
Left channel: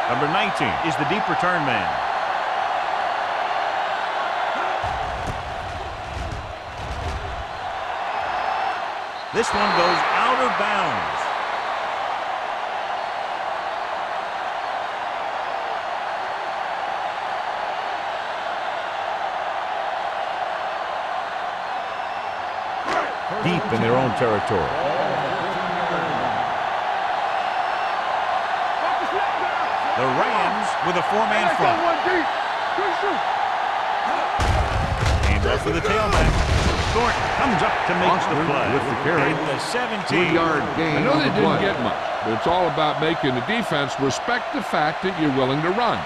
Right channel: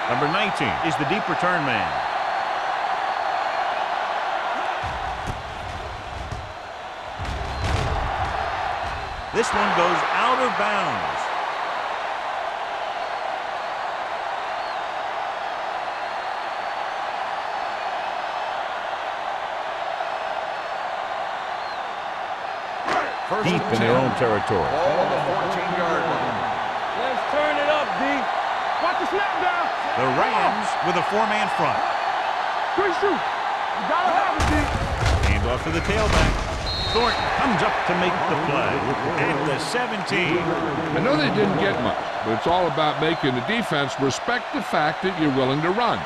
Number 19 is the deep return man. This one goes out of bounds. Deep in their own territory. Ball on the 14-yard line. Let's turn it up, D. Watch the snap down. The Rams with a 4-man front. Good shoot. Hand off to the tailback. Thornton comes up to make the play at the 17. I know they didn't get much, but it's all about making the defense respect the fact that you're willing to run.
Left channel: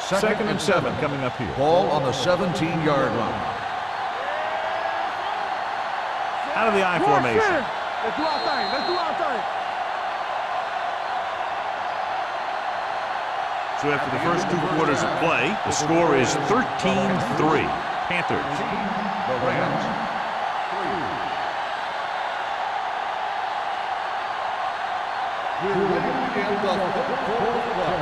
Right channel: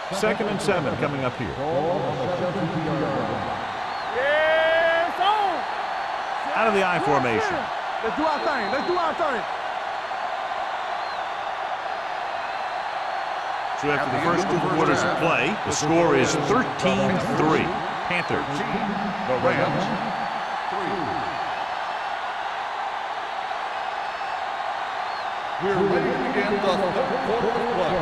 Second and 7 coming up here. Ball on the 17-yard line. Out of the I formation. Let's do our thing. Let's do our thing. So after the first 2 quarters of play, the score is 13-3. Panthers. 13, the Rams, 3. We're ready to begin the third quarter of play.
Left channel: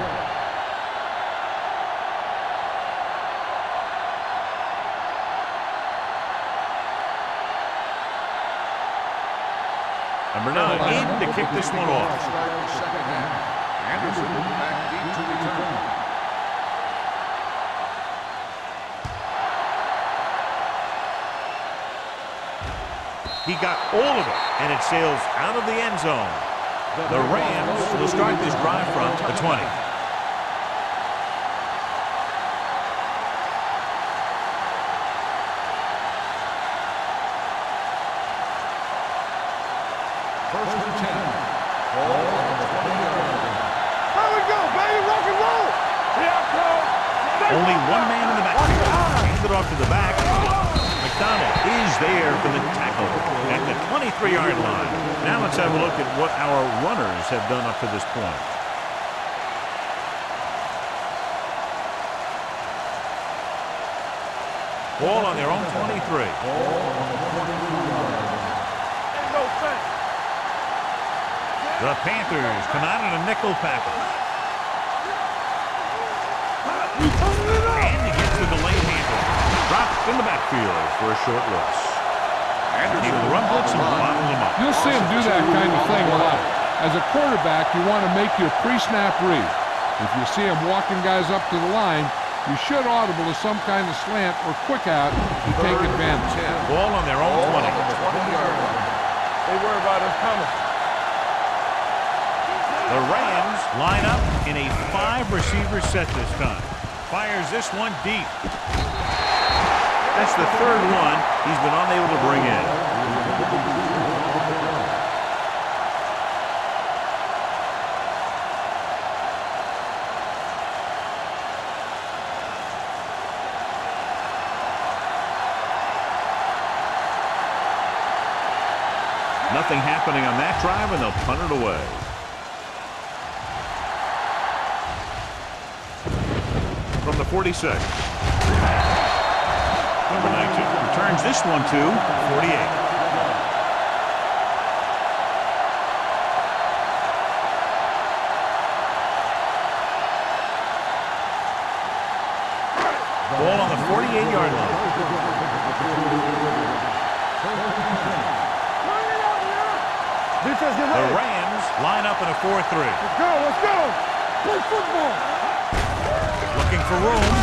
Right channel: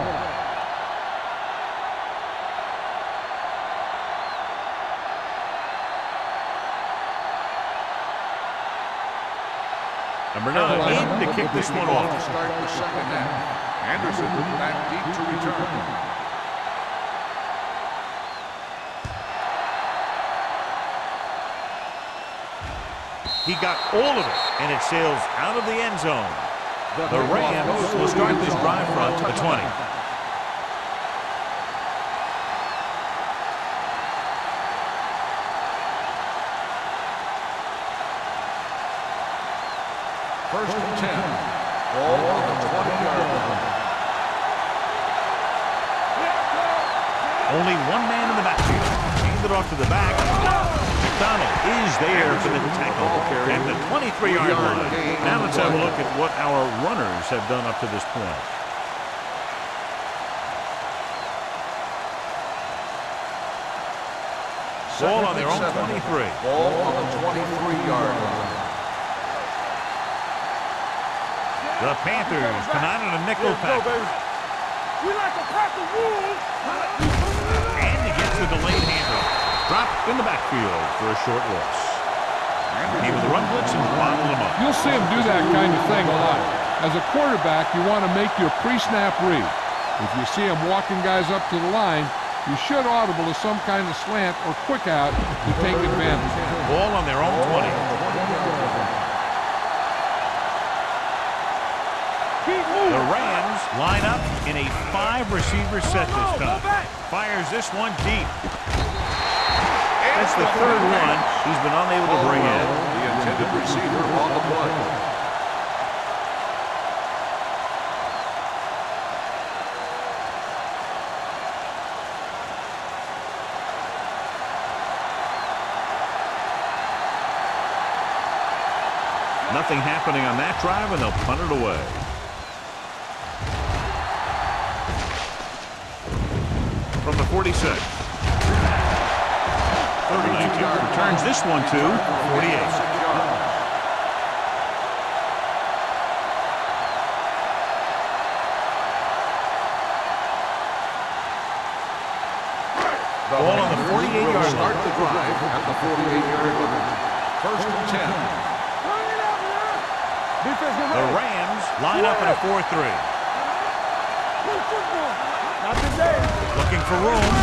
Number 9 in to kick this one off. To start the second half. Anderson back deep to return. He got all of it, and it sails out of the end zone. The Rams will start this drive from the 20. First and 10. Ball on the 20-yard line. There we go, baby. Rock and roll. Yeah, go. Only one man in the backfield. Hand it off to the back. McDonald is there for the tackle at the 23-yard line. Now let's have a look at what our runners have done up to this point. Ball on their own 23. Ball on the 23-yard line. Ain't no sense. The Panthers come out in a nickel package. We like to pack the rules. And he gets the delayed handoff. Dropped in the backfield for a short loss. Came with a run blitz and bottled him up. You'll see him do that kind of thing a lot. As a quarterback, you want to make your pre-snap read. If you see him walking guys up to the line, you should audible to some kind of slant or quick out to take advantage. Ball on their own 20. 20-yard line. They worry about us coming. The Rams line up in a 5-receiver set this time. Fires this one deep. That's the third one he's been unable to bring in. The intended receiver on the play. Nothing happening on that drive, and they'll punt it away. From the 46. Number 19 returns this one to 48. Ball on the 48-yard line. Start the drive at the 48-yard line. First and 10. Defense, get The ready. Rams line up in a 4-3. Let's go. Play football. Looking for room.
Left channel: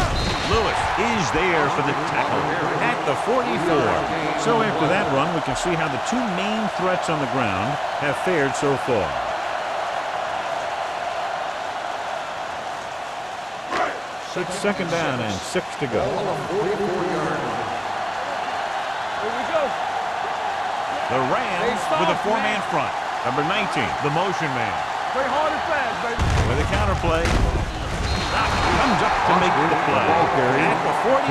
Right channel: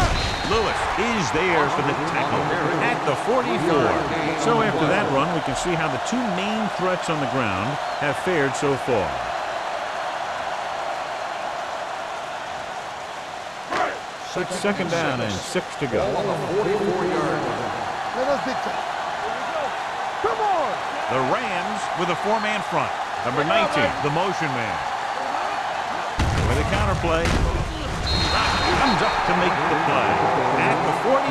Lewis is there for the tackle at the 44. So after that run, we can see how the two main threats on the ground have fared so far. It's second down and 6 to Ball go. on the 44-yard line. Here we go. Come on. The Rams with a 4-man front. Number 19, the motion man. Play hard and fast. With a counter play. Comes up to make the play at the 47.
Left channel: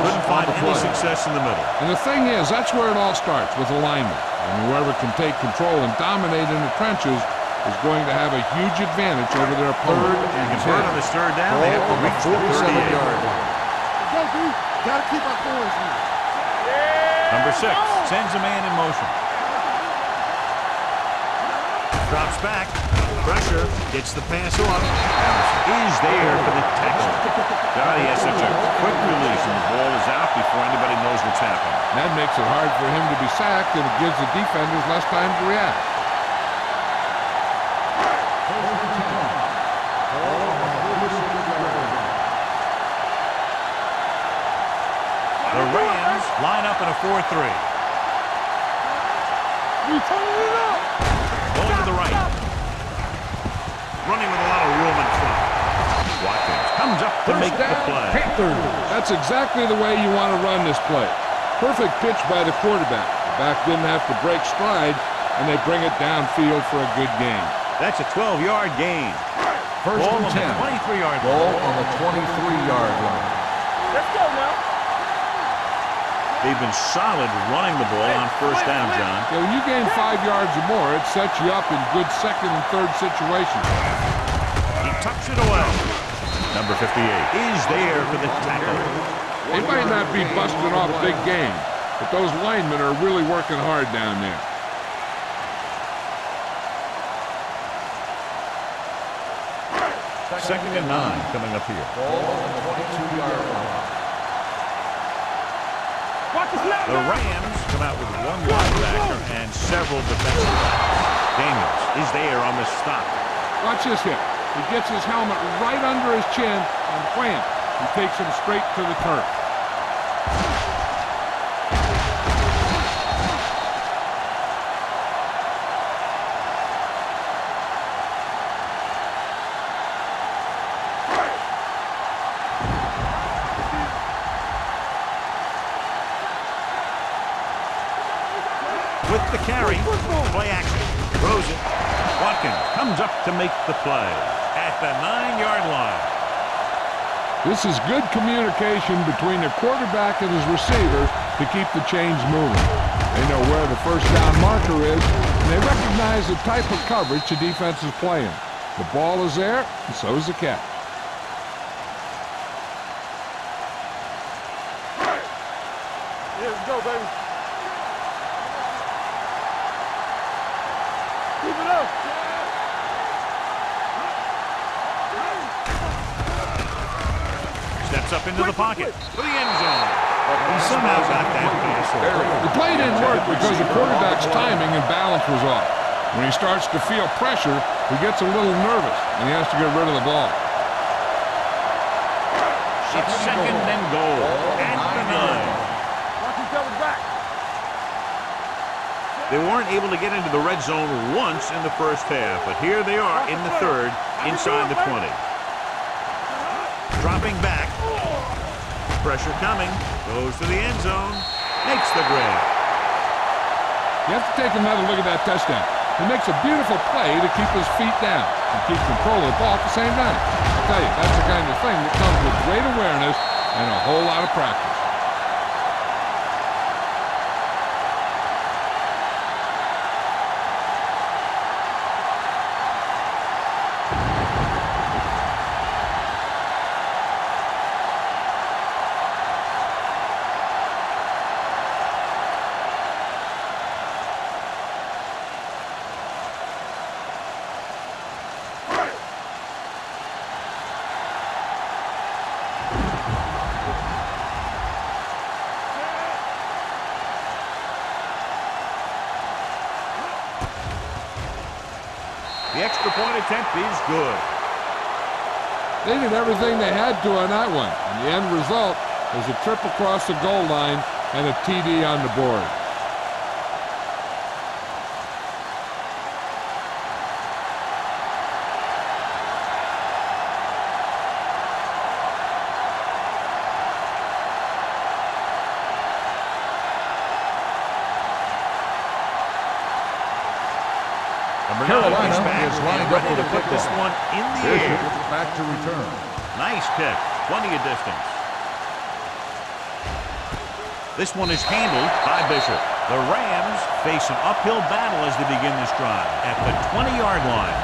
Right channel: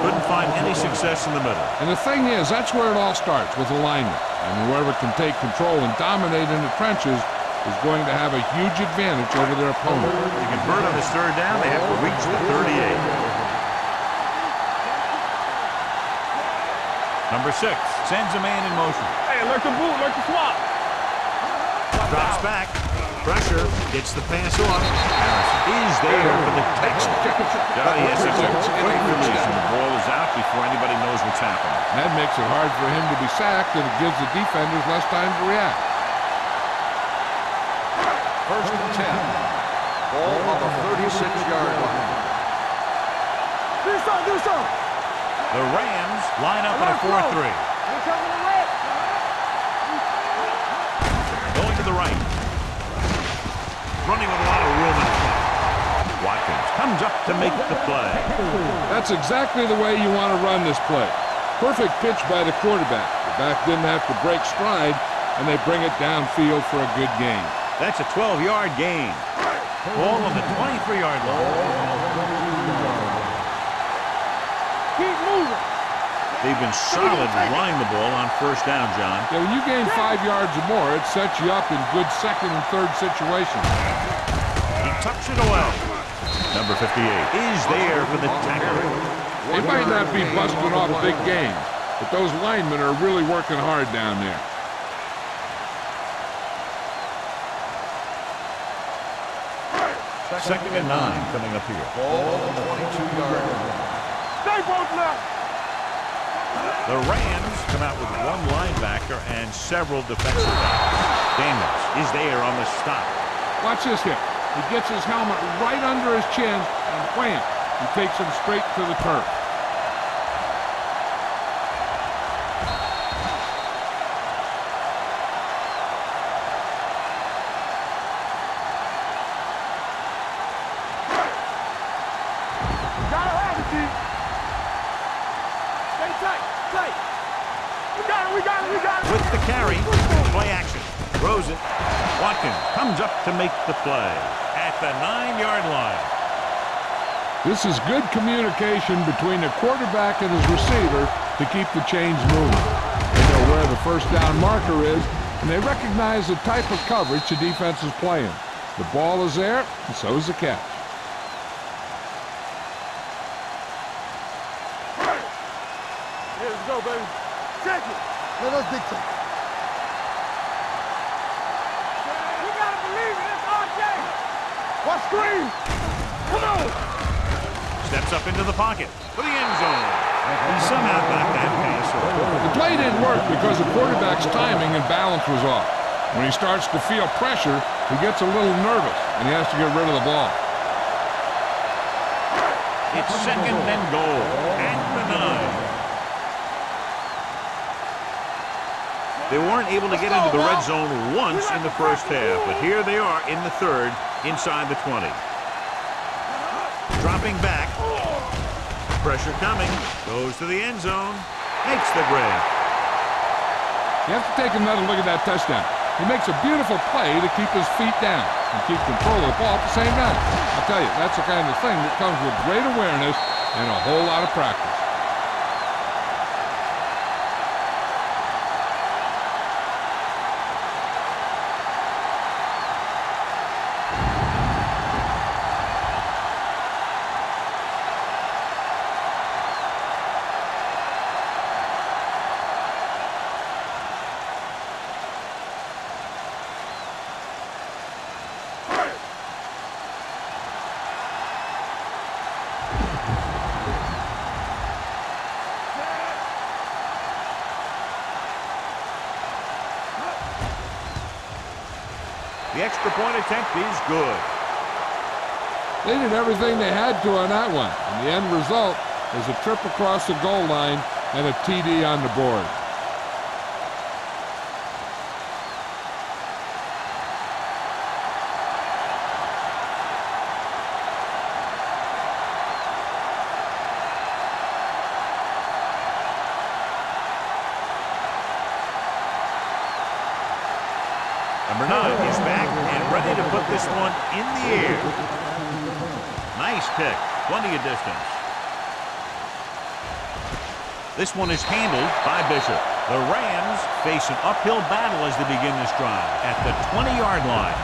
Couldn't find any success in the middle. And the thing is, that's where it all starts, with alignment. And whoever can take control and dominate in the trenches is going to have a huge advantage over their opponent. You convert on this third down, they have to reach the 38. Go, D. Gotta keep our forwards moving. Number 6 sends a man in motion. Hey, let them move, let them swap. Drops back. Pressure. Gets the pass off. Harrison is there for the tackle. Johnny has such a quick release, and the ball is out before anybody knows what's happening. And that makes it hard for him to be sacked, and it gives the defenders less time to react. First and 10. Ball on the 36-yard line. Do something. The Rams line up in a 4-3. Going to the right. Running with a lot of room in front. Watkins comes up to make the play. That's exactly the way you want to run this play. Perfect pitch by the quarterback. The back didn't have to break stride, and they bring it downfield for a good gain. That's a 12-yard gain. First Ball and on the 10. 23-yard Ball line. on the 23-yard line. Let's go now. Keep moving. They've been solid running the ball on first down, John. Yeah, when you gain 5 yards or more, it sets you up in good second and third situations. He tucks it away. Number 58 is there for the tackle. They might not be busting off big games, but those linemen are really working hard down there. Second and 9 coming up here. Ball on the 22-yard line. Stay both left. Watch the left. The Rams come out with one linebacker and several defensive backs. Daniels is there on the stop. Watch this hit. He gets his helmet right under his chin, and wham, he takes him straight to the turf. Gotta have it, D. Stay tight. We got it. With the carry, play action. Throws it. Watkins comes up to make the play at the 9-yard line. This is good communication between the quarterback and his receiver to keep the chains moving. They know where the first down marker is, and they recognize the type of coverage the defense is playing. The ball is there, and so is the catch. Yeah, let's go, baby. Check it. Yeah, that's big time. Keep it up, Chad. Watch screen. Steps up into the pocket for the end zone. He somehow got that pass over. The play didn't work because the quarterback's timing and balance was off. When he starts to feel pressure, he gets a little nervous, and he has to get rid of the ball. It's second and goal at the 9. They weren't able to get into the red zone once in the first half, but here they are in the third, inside the 20. Dropping back. Pressure coming. Goes to the end zone. Makes the grab. You have to take another look at that touchdown. He makes a beautiful play to keep his feet down and keep control of the ball at the same time. I'll tell you, that's the kind of thing that comes with great awareness and a whole lot of practice. The extra point attempt is good. They did everything they had to on that one, and the end result is a trip across the goal line and a TD on the board. Number 9 is back and ready to put this one in the air. Back to return. Nice kick. Plenty of distance. This one is handled by Bishop. The Rams face an uphill battle as they begin this drive at the 20-yard line.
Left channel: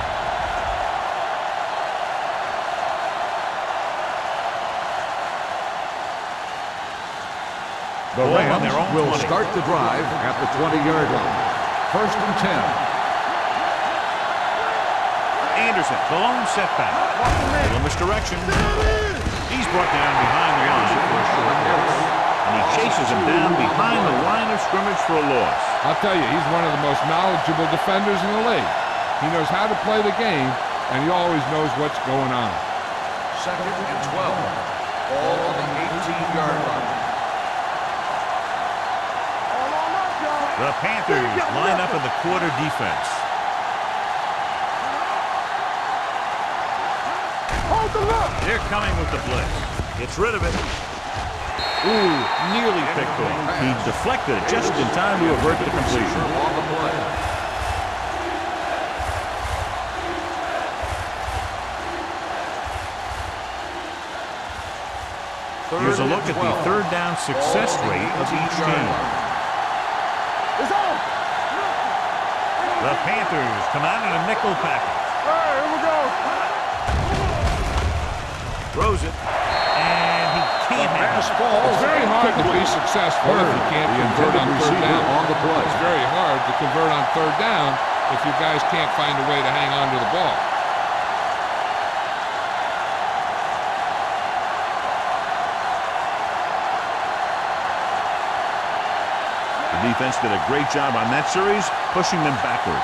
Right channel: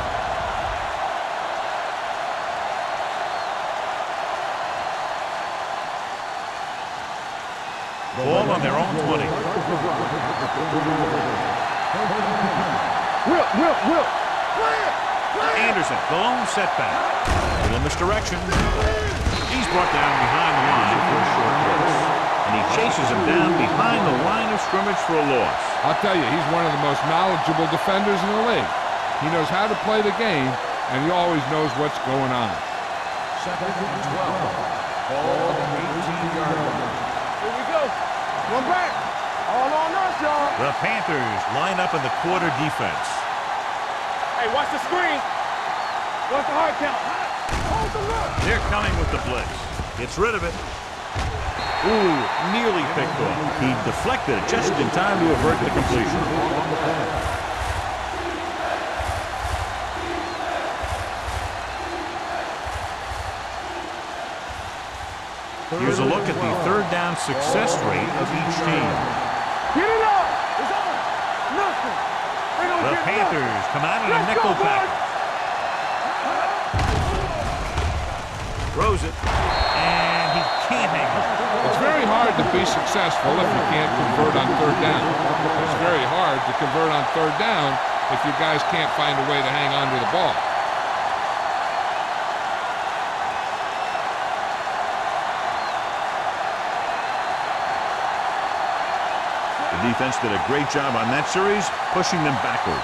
The Ball Rams on their own will 20. start the drive at the 20-yard line. First and 10. Anderson, the lone setback. Little misdirection. He's brought down behind the line for a short loss. And he chases him down behind the line of scrimmage for a loss. I'll tell you, he's one of the most knowledgeable defenders in the league. He knows how to play the game, and he always knows what's going on. Second and 12. Ball on the 18-yard line. Here we go. One back. All on us, y'all. The Panthers line up in the quarter defense. Hey, watch the screen. What's the hard count? Hold the look. They're coming with the blitz. Gets rid of it. Ooh, nearly picked off. He deflected it just in time to avert the completion. On the play. Here's a look at the third down success rate of each team. Get it up. It's on. Nothing. The Panthers come out in a nickel package. Here we go. Throws it, and he can't hang on. It's very hard to be successful if you can't convert on third down. It's very hard to convert on third down if you guys can't find a way to hang on to the ball. The defense did a great job on that series, pushing them backward.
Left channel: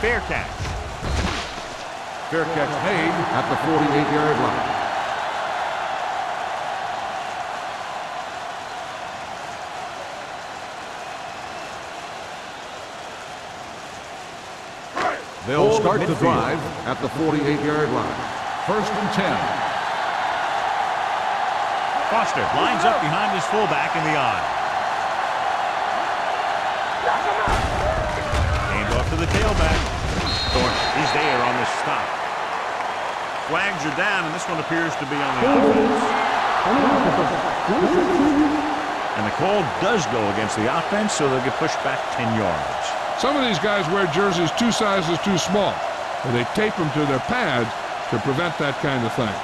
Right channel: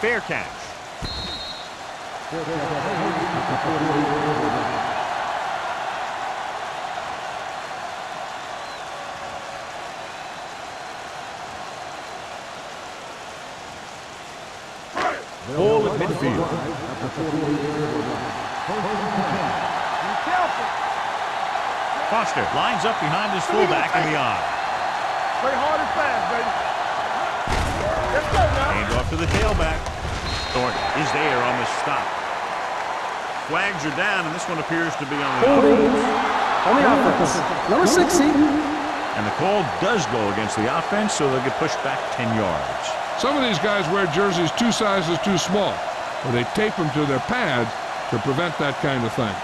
Fair catch. Fair catch made at the 48-yard line. They'll start the drive at the 48-yard line. First and 10. Foster lines up behind his fullback in the eye. off to the tailback. Thornton is there on the stop. Flags are down, and this one appears to be on the offense. On the offense. Number 60. And the call does go against the offense, so they'll get pushed back 10 yards. Some of these guys wear jerseys 2 sizes too small, or they tape them to their pads to prevent that kind of thing.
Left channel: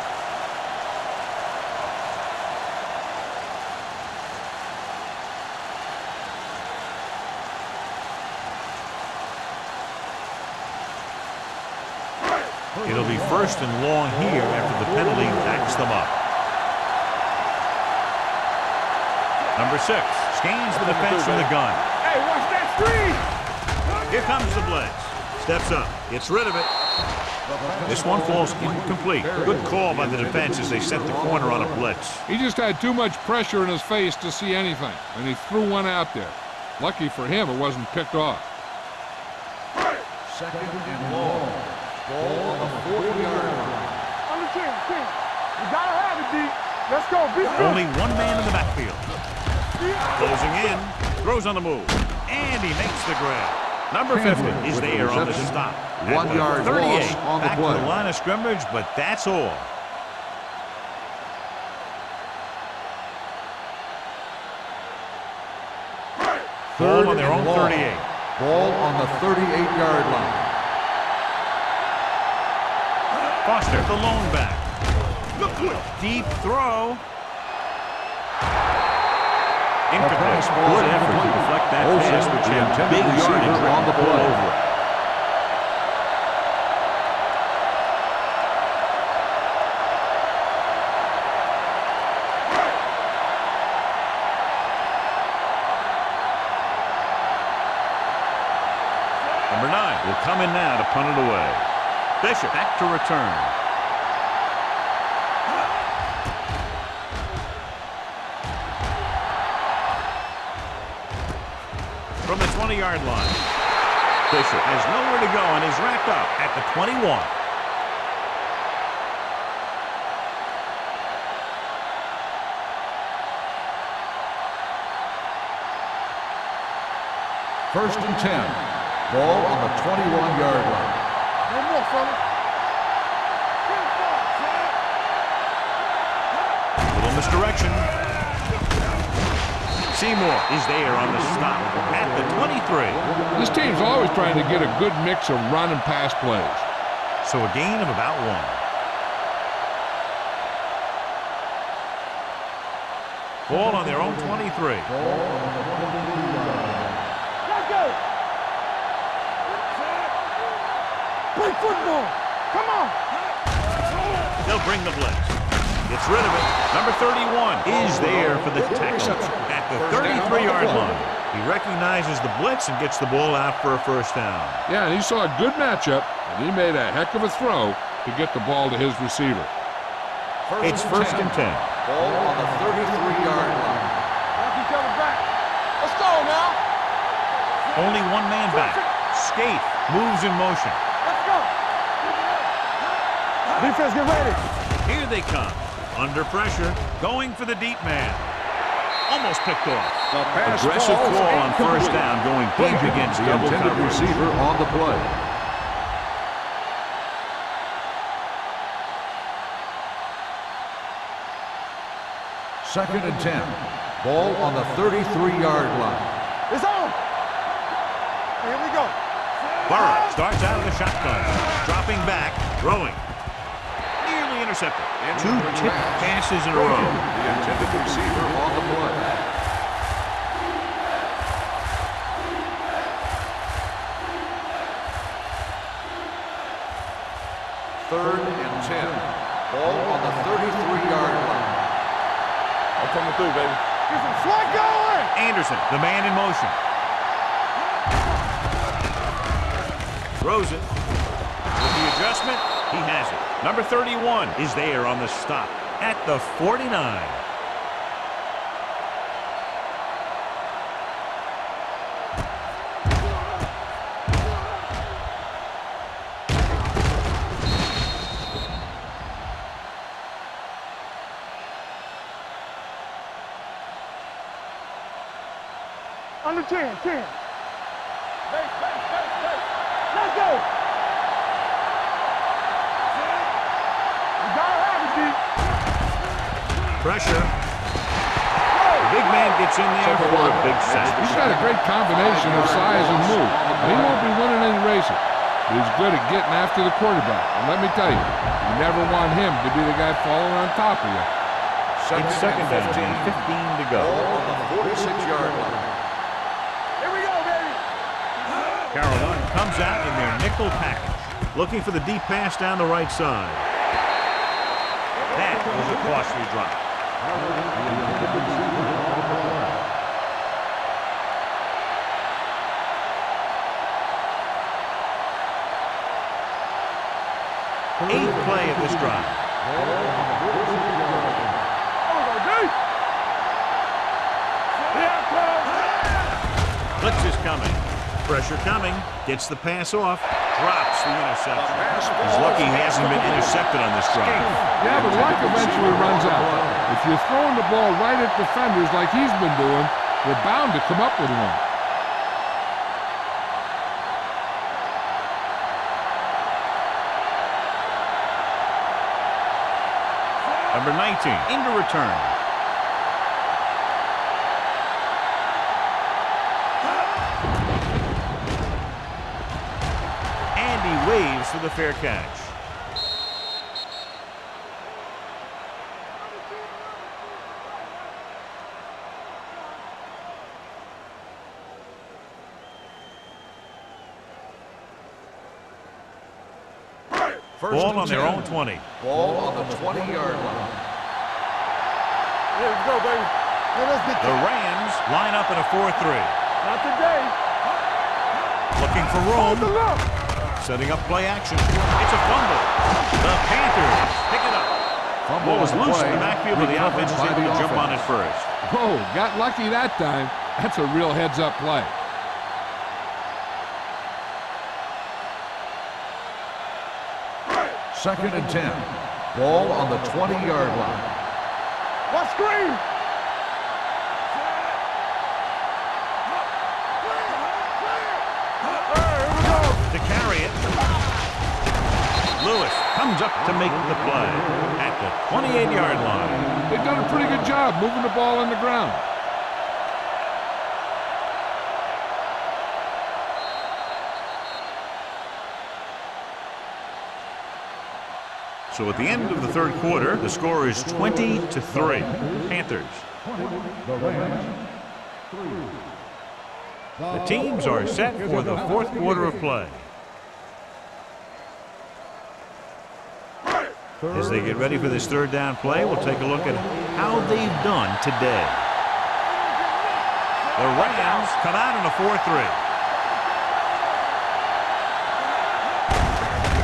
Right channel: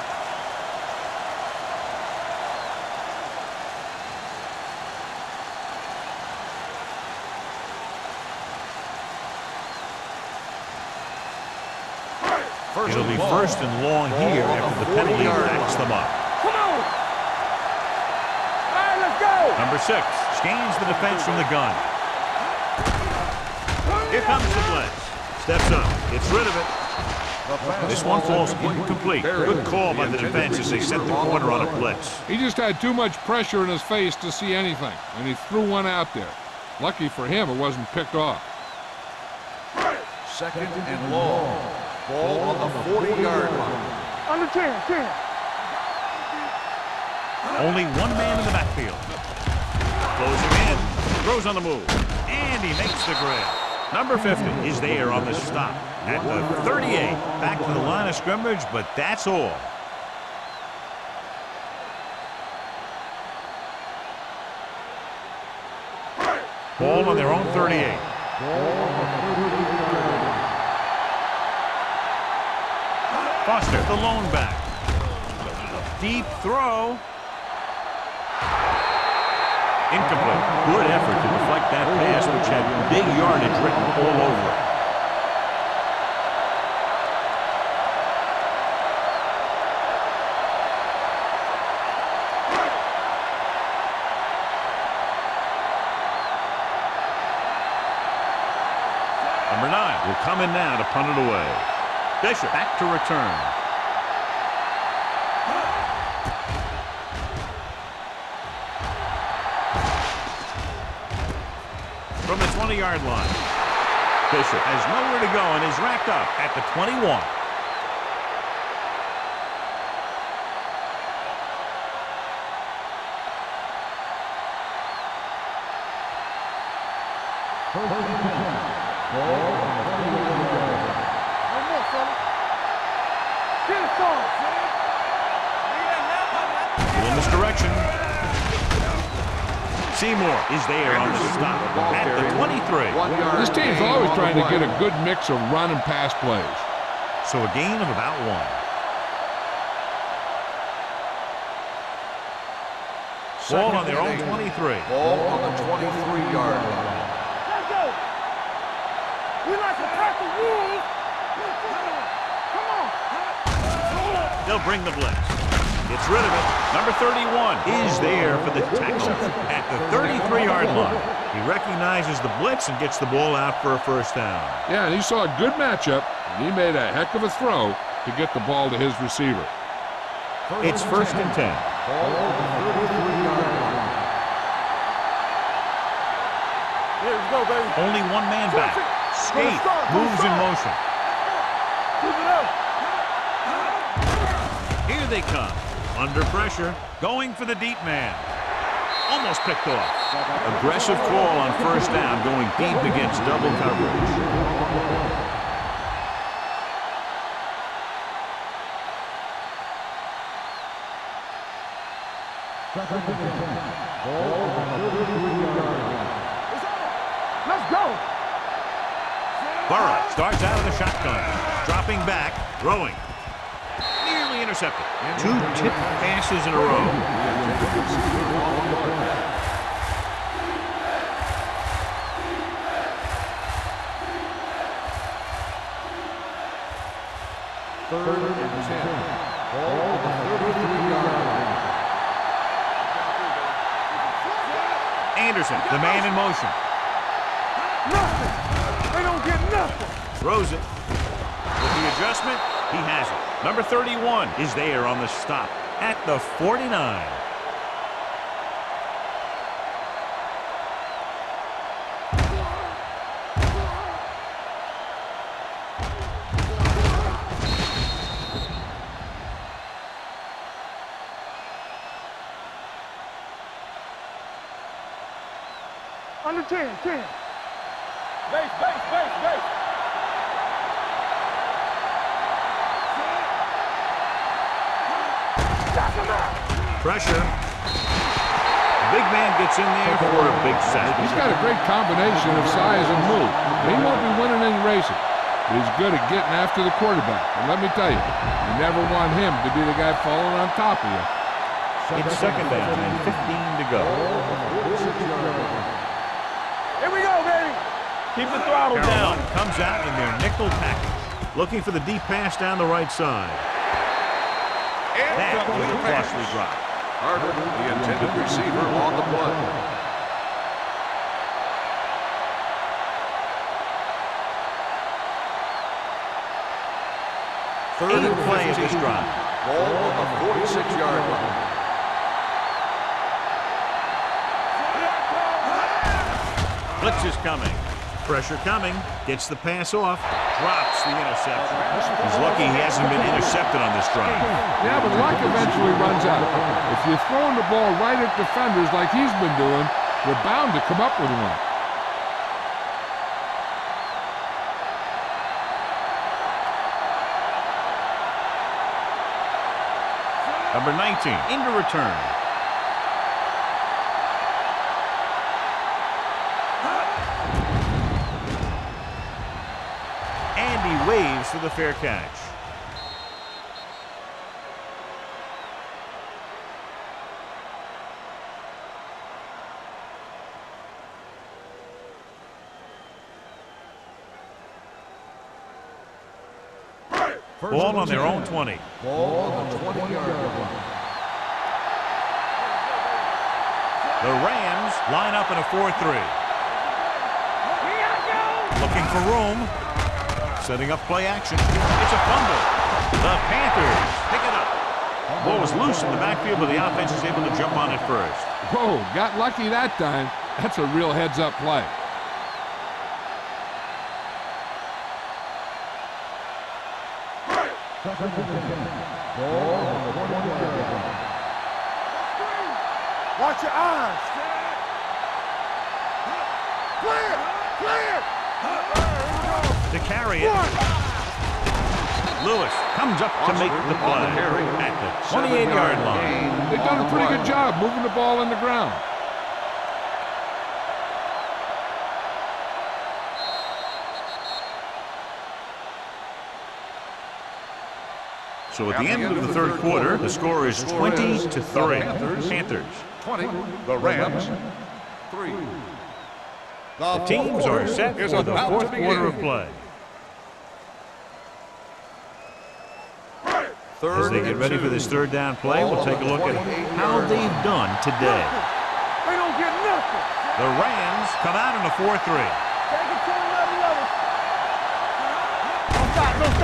It'll be first and long here after the penalty backs them up. Number 6 scans the defense from the gun. Here comes the blitz. Steps up, gets rid of it. This one falls incomplete. Good call by the defense as they set the corner on a blitz. He just had too much pressure in his face to see anything, and he threw one out there. Lucky for him, it wasn't picked off. Second and long. Ball on the 40-yard line. Under 10. You gotta have it, D. Let's go. Only one man in the backfield. Closing in, throws on the move, and he makes the grab. Number 50 is there on the stop at the 38. Back to the line of scrimmage, but that's all. Ball on their own 38. Ball on the 38-yard line. Foster, the lone back. Deep throw. Incomplete. Good effort to deflect that pass, which had big yardage written all over it. Number 9 will come in now to punt it away. Bishop back to return. From the 20-yard line. Bishop has nowhere to go and is wrapped up at the 21. First and 10. Ball on the 21-yard line. No more, fella. Get it far. Little misdirection. Seymour is there on the stop at the 23. This team's always trying to get a good mix of run and pass plays. So a gain of about 1. Ball on their own 23. Ball on the 23-yard line. Let's go. We like to tackle rules. Play football. Come on. They'll bring the blitz. Gets rid of it. Number 31 is there for the tackle at the 33-yard line. He recognizes the blitz and gets the ball out for a first down. Yeah, and he saw a good matchup, and he made a heck of a throw to get the ball to his receiver. It's first and 10. Ball on the 33-yard line. Watch each other back. Let's go now. Let's go, baby. Only one man back. Skate moves in motion. Let's go. Keep it up. Defense, get ready. Here they come. Under pressure. Going for the deep man. Almost picked off. Aggressive call on first down, going deep against double coverage. Receiver on the play. Second and 10. Ball on the 33-yard line. It's on. Let's go. Here we go. Burrow starts out of the shotgun. Dropping back. Throwing. Nearly intercepted. 2 tipped passes in a row. The intended receiver on the play. Third and 10. Ball on the 33-yard line. I'm coming through, baby. Get some slack going. Anderson, the man in motion. Throws it. With the adjustment, he has it. Number 31 is there on the stop at the 49. Under 10. Base, base, base, base. Let's go. You got it, Pressure. The big man gets in there for a big sack. He's got a great combination of size and move. He won't be winning any races, but he's good at getting after the quarterback. And let me tell you, you never want him to be the guy falling on top of you. It's second down and 15 to go. Ball on the 46-yard line. Here we go, baby. Keep the throttle Carolina down. comes out in their nickel package, looking for the deep pass down the right side. That was a costly drop. Harvard, the intended receiver, on the play. Eighth play of this drive. Ball on the 46-yard line. Blitz is coming. Pressure coming. Gets the pass off. Drops the interception. He's lucky he hasn't been intercepted on this drive. Yeah, but luck eventually runs out. If you're throwing the ball right at defenders like he's been doing, they're bound to come up with one. Number 19 into return. And he waves for the fair catch. Ball on their own 20. Ball on the 20-yard line. The Rams line up in a 4-3. Looking for room. Setting up play action. It's a fumble. The Panthers pick it up. Ball was loose in the backfield, but the offense is able to jump on it first. Whoa, got lucky that time. That's a real heads-up play. Second and 10. Ball on the 20-yard line. Watch screen. Watch your eyes. Clear. Clear. Here we go. To carry it. Lewis comes up to make the play at the 28-yard line. They've done a pretty good job moving the ball on the ground. So at the end of the third quarter, the score is 20-3. Panthers. 20. The Rams. 3. The teams are set for the fourth quarter of play. As they get ready for this third down play, we'll take a look at how they've done today. They don't get nothing. The Rams come out in a 4-3. Take it to the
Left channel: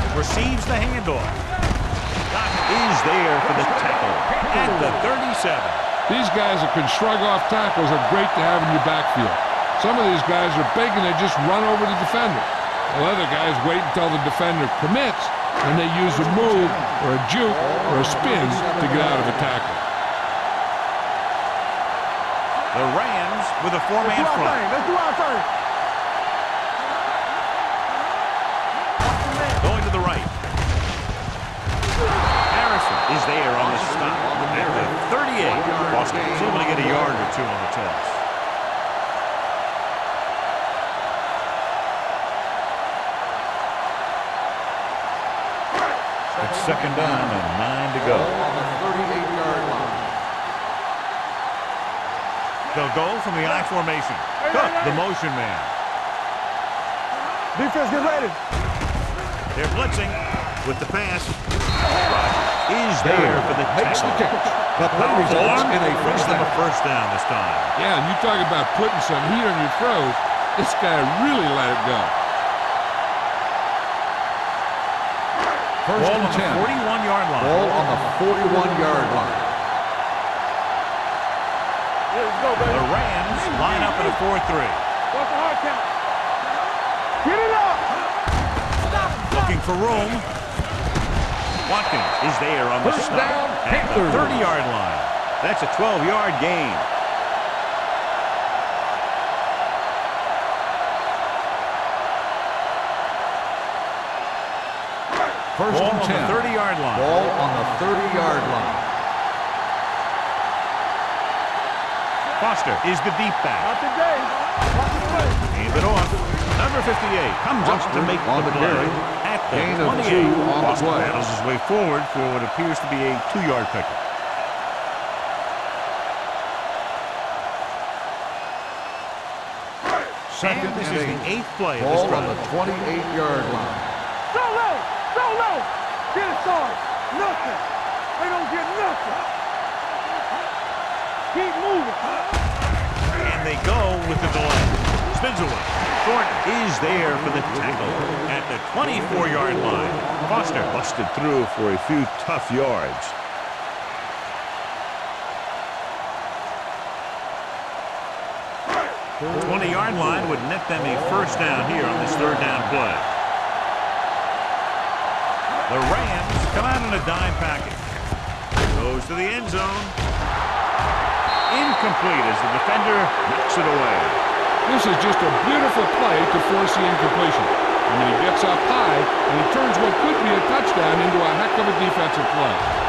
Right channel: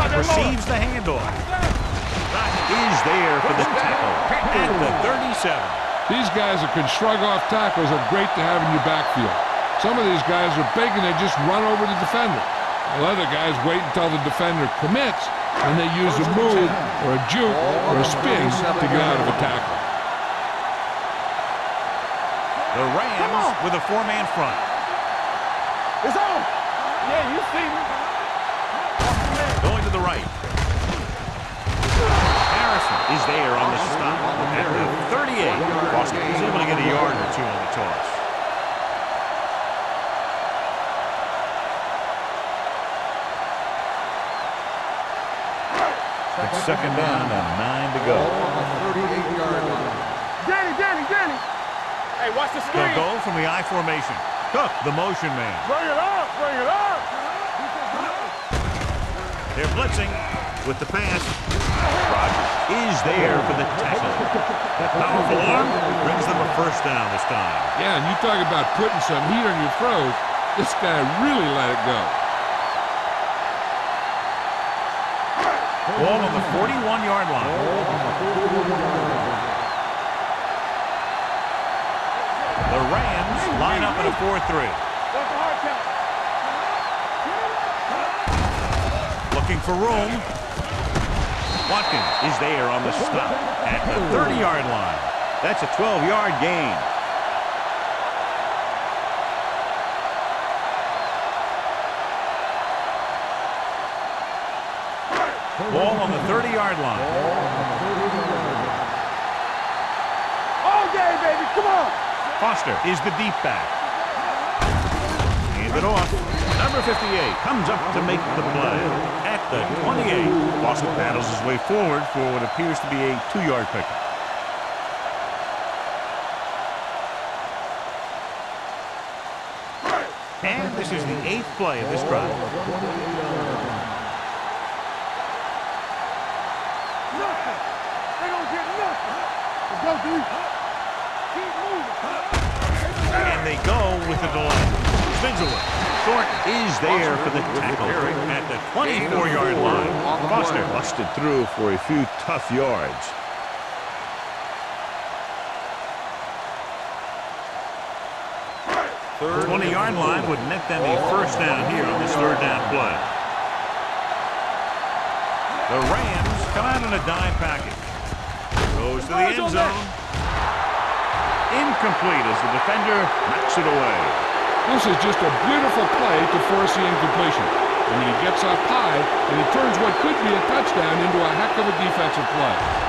level. Receives the handoff. Doc is there for the tackle at the 37. These guys that can shrug off tackles are great to have in your backfield. Some of these guys are big and they just run over the defender. While other guys wait until the defender commits and they use a move or a juke or a spin to get out of a tackle. The Rams with a four-man front. Let's do our thing. It's on. Yeah, you see me. Going to the right. Harrison is there on the stop at the 38. Boston is able to get a yard or two on the toss. It's second down and 9 to go. Ball on the 38-yard line. Danny. Hey, watch this. They'll go from the I formation. Cook, the motion man. Bring it up. Defense, get ready. They're blitzing with the pass. Rodgers is there for the tackle. That powerful arm brings them a first down this time. Yeah, and you talk about putting some heat on your throws. This guy really let it go. Ball on the 41-yard line. Ball on the 41-yard line. The Rams line up in a 4-3. What's the hard count? Get it up. Looking for room. Watkins is there on the stop at the 30-yard line. That's a 12-yard gain. First Ball and on the 10. 30-yard line. Ball on the 30-yard line. All day, baby, come on. Foster is the deep back. Not today. Hand it off. Number 58 comes up to make the play at the 28. Foster battles his way forward for what appears to be a 2-yard pickup. And this is the 8th play of this drive. 28-yard line. Go low. Go low. Get it started. Nothing. They don't get nothing. Keep moving. And they go with the delay. Spins away. Thornton is there for the tackle at the 24-yard line. Foster busted through for a few tough yards. The 20-yard line would net them a first down here on this third down play. The Rams come out in a dime package. Goes to the end zone. Incomplete as the defender knocks it away. This is just a beautiful play to force the incompletion. I mean, he gets up high, and he turns what could be a touchdown into a heck of a defensive play.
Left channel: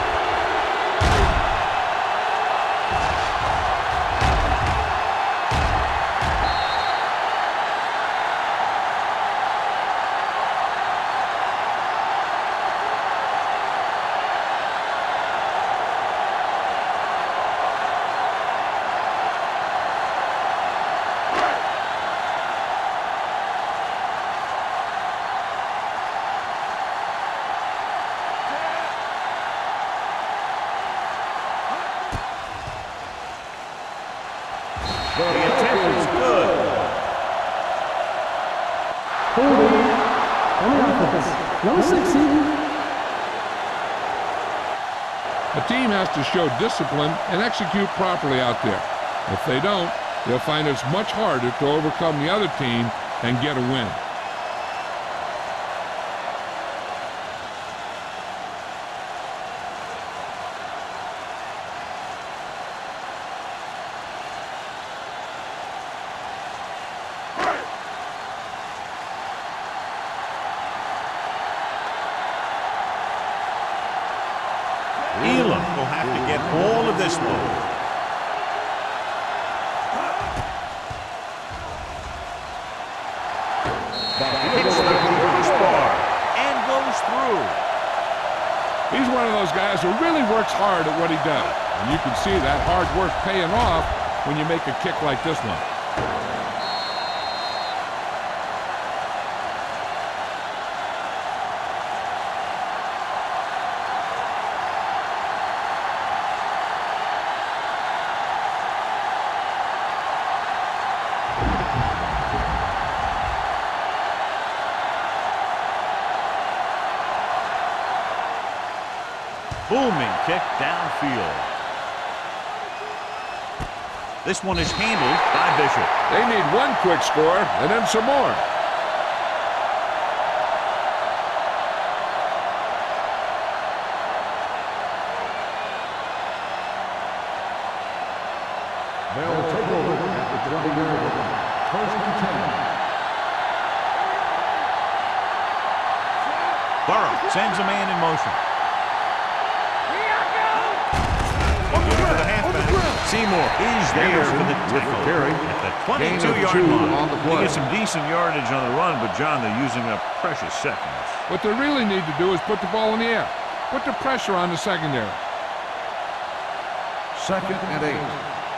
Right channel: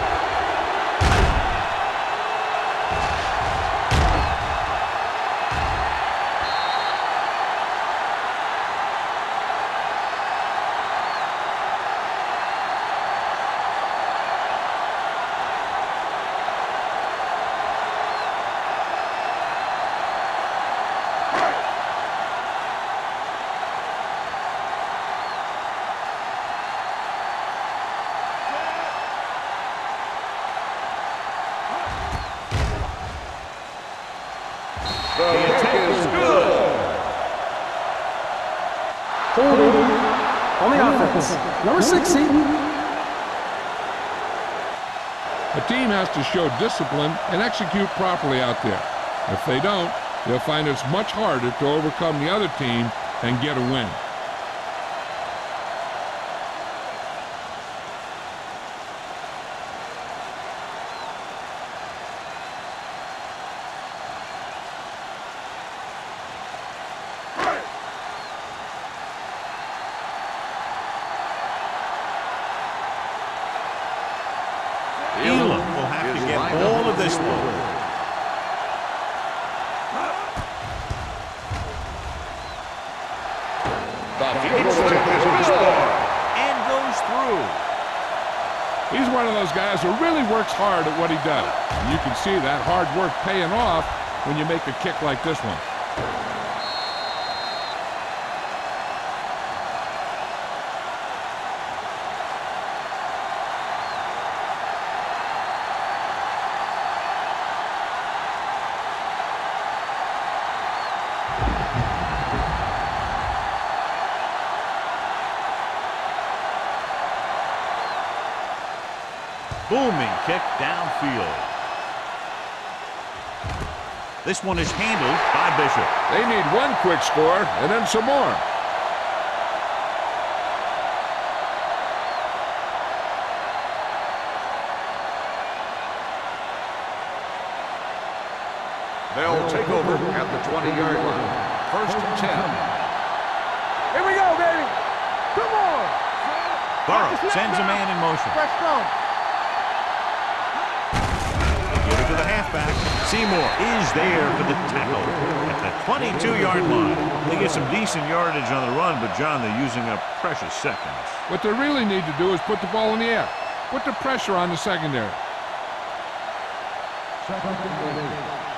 The attempt is good. Holding on the offense. Number 60. A team has to show discipline and execute properly out there. If they don't, they'll find it's much harder to overcome the other team and get a win. Elam will have to get all of this one. Hits the crossbar and goes through. He's one of those guys who really works hard at what he does. And you can see that hard work paying off when you make a kick like this one. Booming kick downfield. This one is handled by Bishop. They need one quick score and then some more. They'll take over at the 20-yard line. First and 10. Here we go, baby. Come on. Burrow sends a man in motion. Let's go. Give it to the halfback. Seymour is there for the tackle at the 22-yard line. They get some decent yardage on the run, but, John, they're using up precious seconds. What they really need to do is put the ball in the air. Put the pressure on the secondary. Second and 8.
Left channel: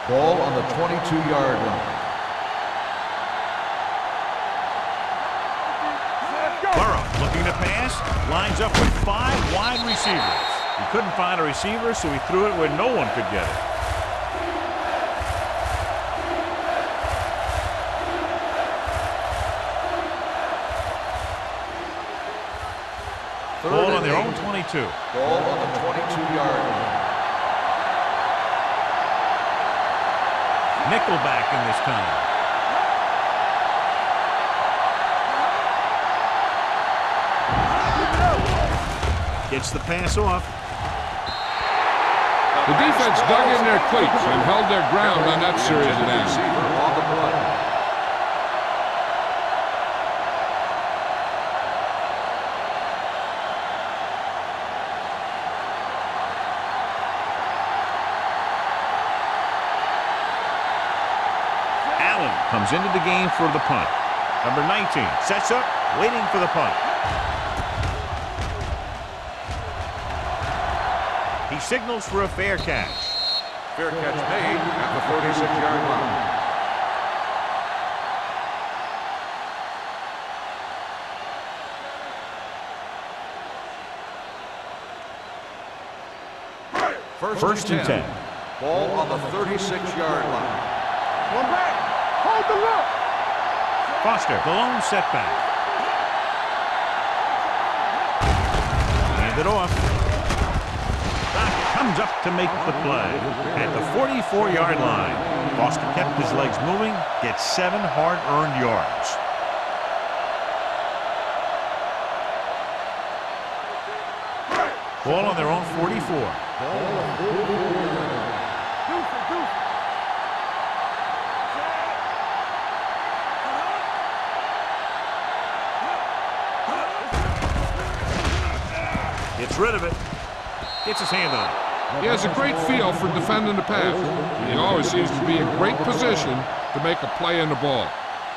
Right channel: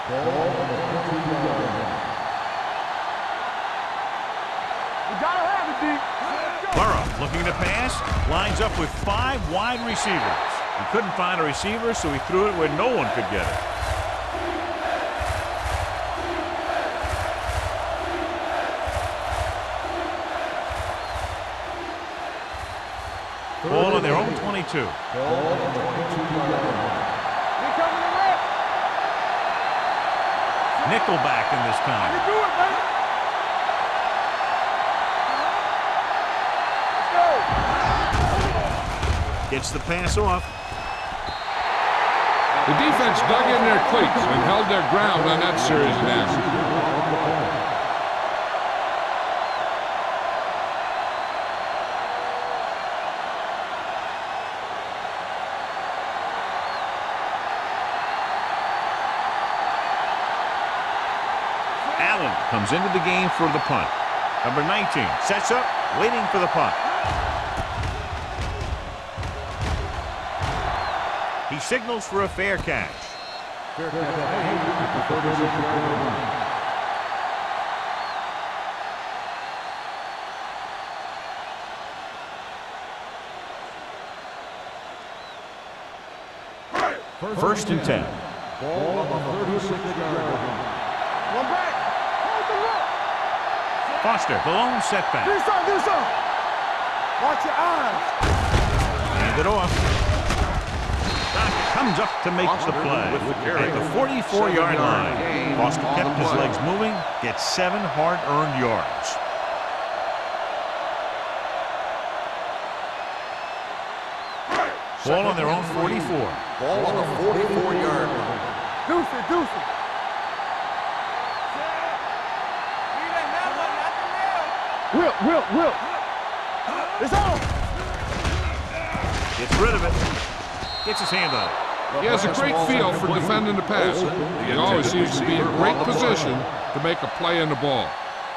Ball on the 22-yard line. We gotta have it, D. Let's go. Burrow looking to pass, lines up with 5 wide receivers. He couldn't find a receiver, so he threw it where no one could get it. Ball on their own 22. Ball on the 22-yard line. Nickelback in this time. Gets the pass off. The defense dug in their cleats and held their ground on that series of downs. Receiver on the play. Allen comes into the game for the punt. Number 19 sets up, waiting for the punt. He signals for a fair catch. Fair catch made at the 36-yard line. First and 10. Ball on the 36-yard line. One back. Hold the look. Foster, the lone setback. Do something. Watch your eyes. Hand it off. Dockett comes up to make the play. At the 44-yard line, Foster kept his legs moving, gets 7 hard-earned yards. Ball on their own 44. Ball on the 44-yard line. Deuce it. Will. It's on. Gets rid of it. Gets his hand on it. He has a great feel for defending the pass. He always seems to be in great position to make a play in the ball.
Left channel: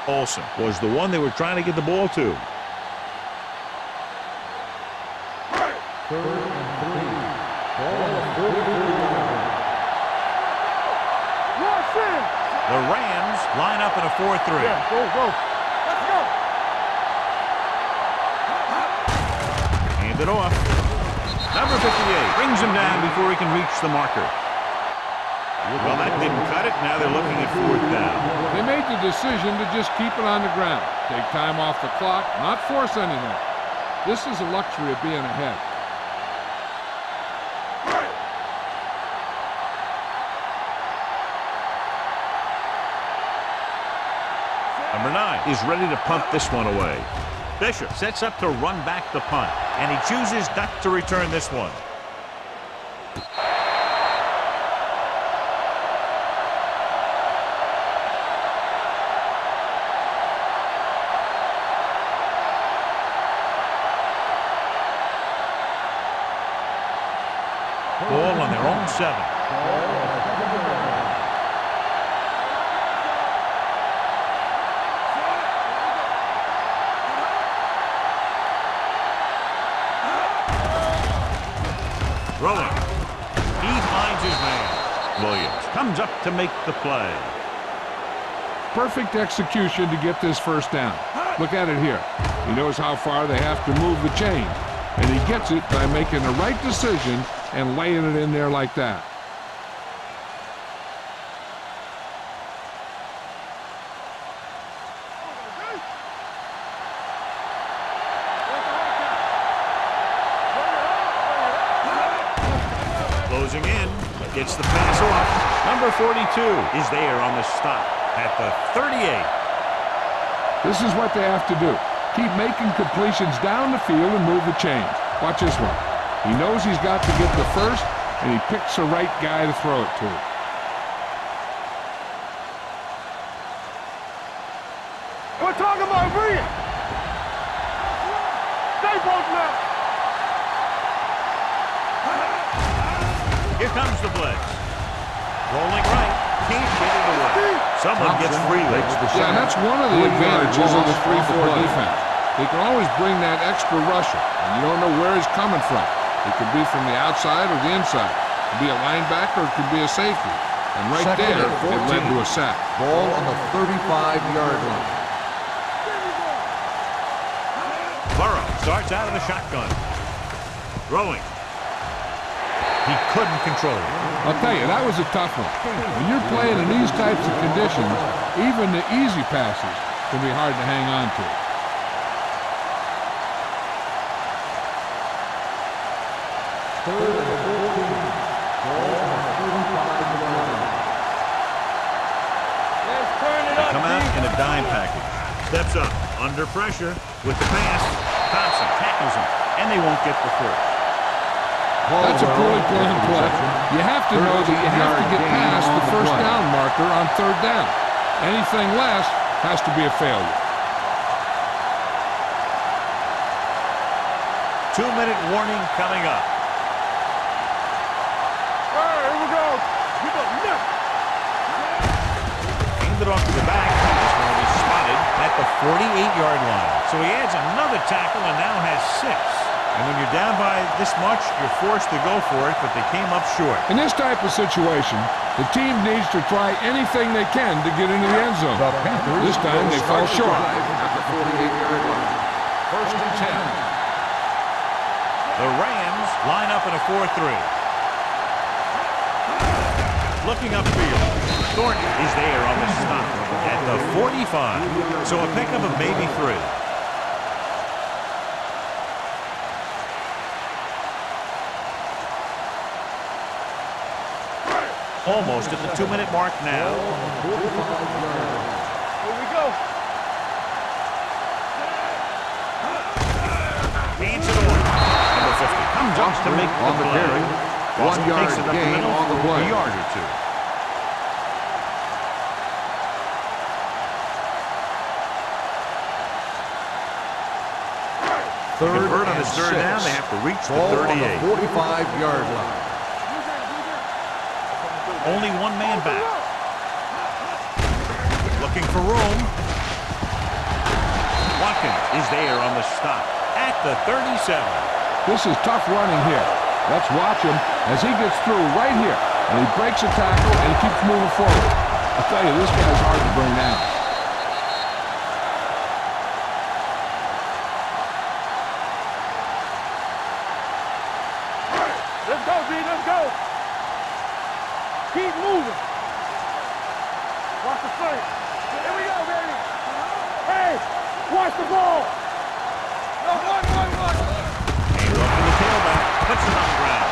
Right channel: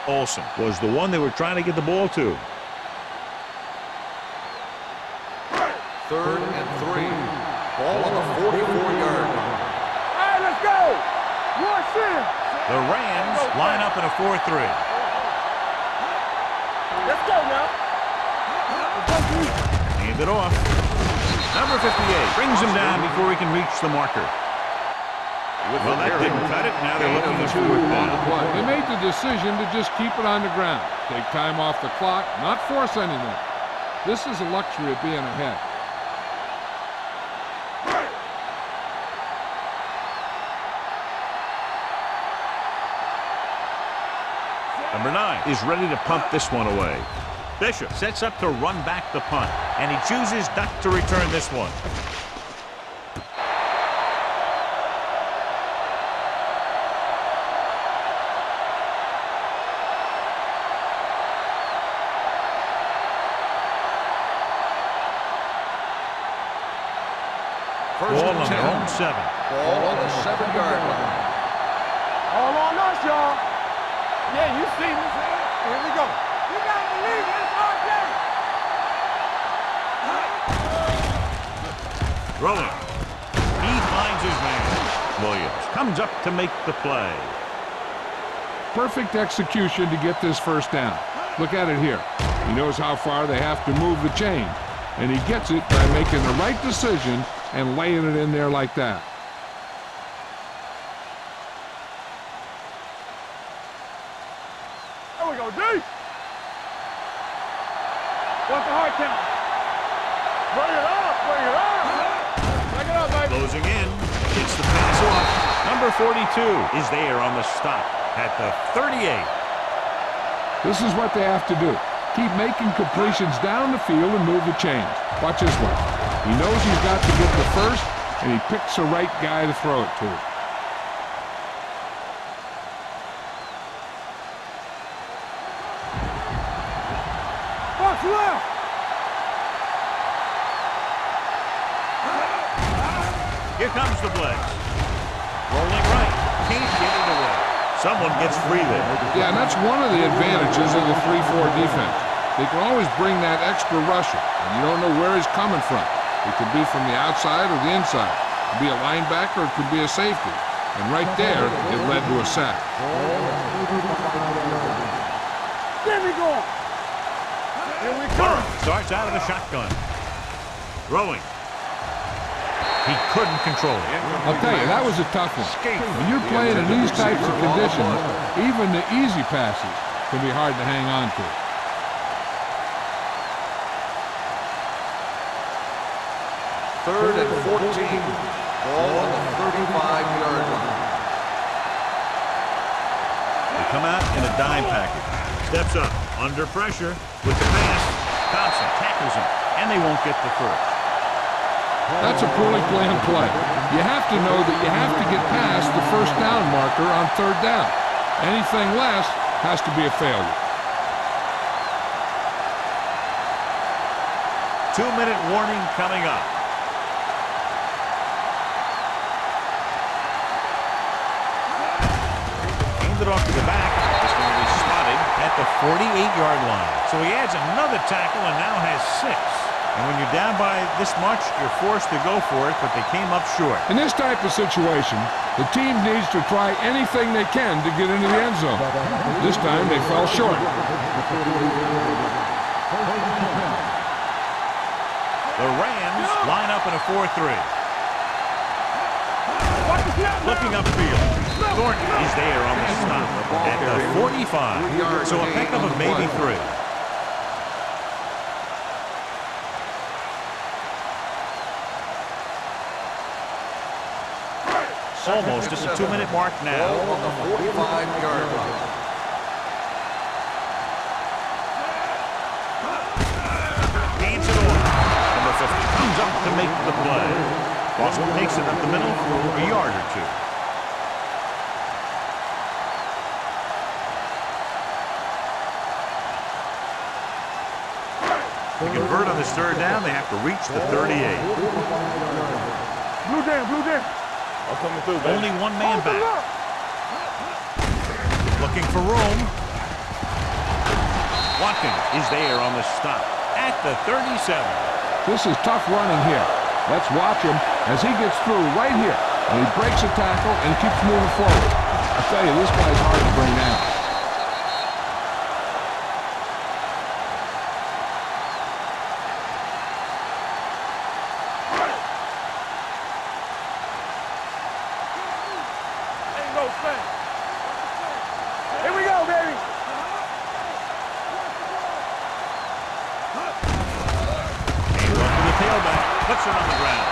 Olsen was the one they were trying to get the ball to. 3rd and 3. Ball on the 44-yard line. Let's go. Rush in. The Rams line up in a 4-3. Go. Let's go now. Hand it off. Number 58 brings him down before he can reach the marker. Well, that didn't cut it. Now they're looking at 4th down. They made the decision to just keep it on the ground. Take time off the clock, not force anything. This is a luxury of being ahead. Number 9 is ready to punt this one away. Bishop sets up to run back the punt, and he chooses not to return this one. Ball on their own 7. Ball on the 7-yard line. All on us, y'all. Yeah, you see me. Here we go. Throwing. He finds his man. Williams comes up to make the play. Perfect execution to get this first down. Look at it here. He knows how far they have to move the chain, and he gets it by making the right decision and laying it in there like that. There we go, D. What's the hard count? Bring it up. Bring it up, baby. Closing in. Gets the pass off. Number 42 is there on the stop at the 38. This is what they have to do. Keep making completions down the field and move the chains. Watch this one. He knows he's got to get the first, and he picks the right guy to throw it to. We're talking about Rhea. What's left? Stay both left. Here comes the blitz. Rolling right. Can't get it away. Someone gets free there. Yeah, and that's one of the advantages of the 3-4 defense. They can always bring that extra rusher, and you don't know where he's coming from. It could be from the outside or the inside. It could be a linebacker or it could be a safety. And right there, it led to a sack. Ball on the 35-yard line. There we go. Burrow starts out of the shotgun. Throwing. He couldn't control it. I'll tell you, that was a tough one. When you're playing in these types of conditions, even the easy passes can be hard to hang on to. Third and 14. Ball on the 35-yard line. They come out in a dime package. Steps up, under pressure, with the pass. Thompson tackles him, and they won't get the first. That's a poorly planned play. You have to know that you have to get past the first down marker on 3rd down. Anything less has to be a failure. 2-minute warning coming up. All right, here we go. Get the net. Hand it off to the back. at the 48-yard line. So he adds another tackle and now has 6. And when you're down by this much, you're forced to go for it, but they came up short. In this type of situation, the team needs to try anything they can to get into the end zone. This time they fell short. At the 48-yard line. First and 10. The Rams line up in a 4-3. Looking upfield. Thornton is there on the stop at the 45. So a pickup of maybe 3. Almost at the 2-minute mark now. Hands it on. Number 50 comes up to make the play. Boston takes it up the middle for a yard or 2. To convert on this 3rd down, they have to reach the 38. 45-yard line. Only one man back. Looking for room. Watkins is there on the stop at the 37. This is tough running here. Let's watch him as he gets through right here. And he breaks a tackle and keeps moving forward. I tell you, this guy's hard to bring down. Puts it on the ground.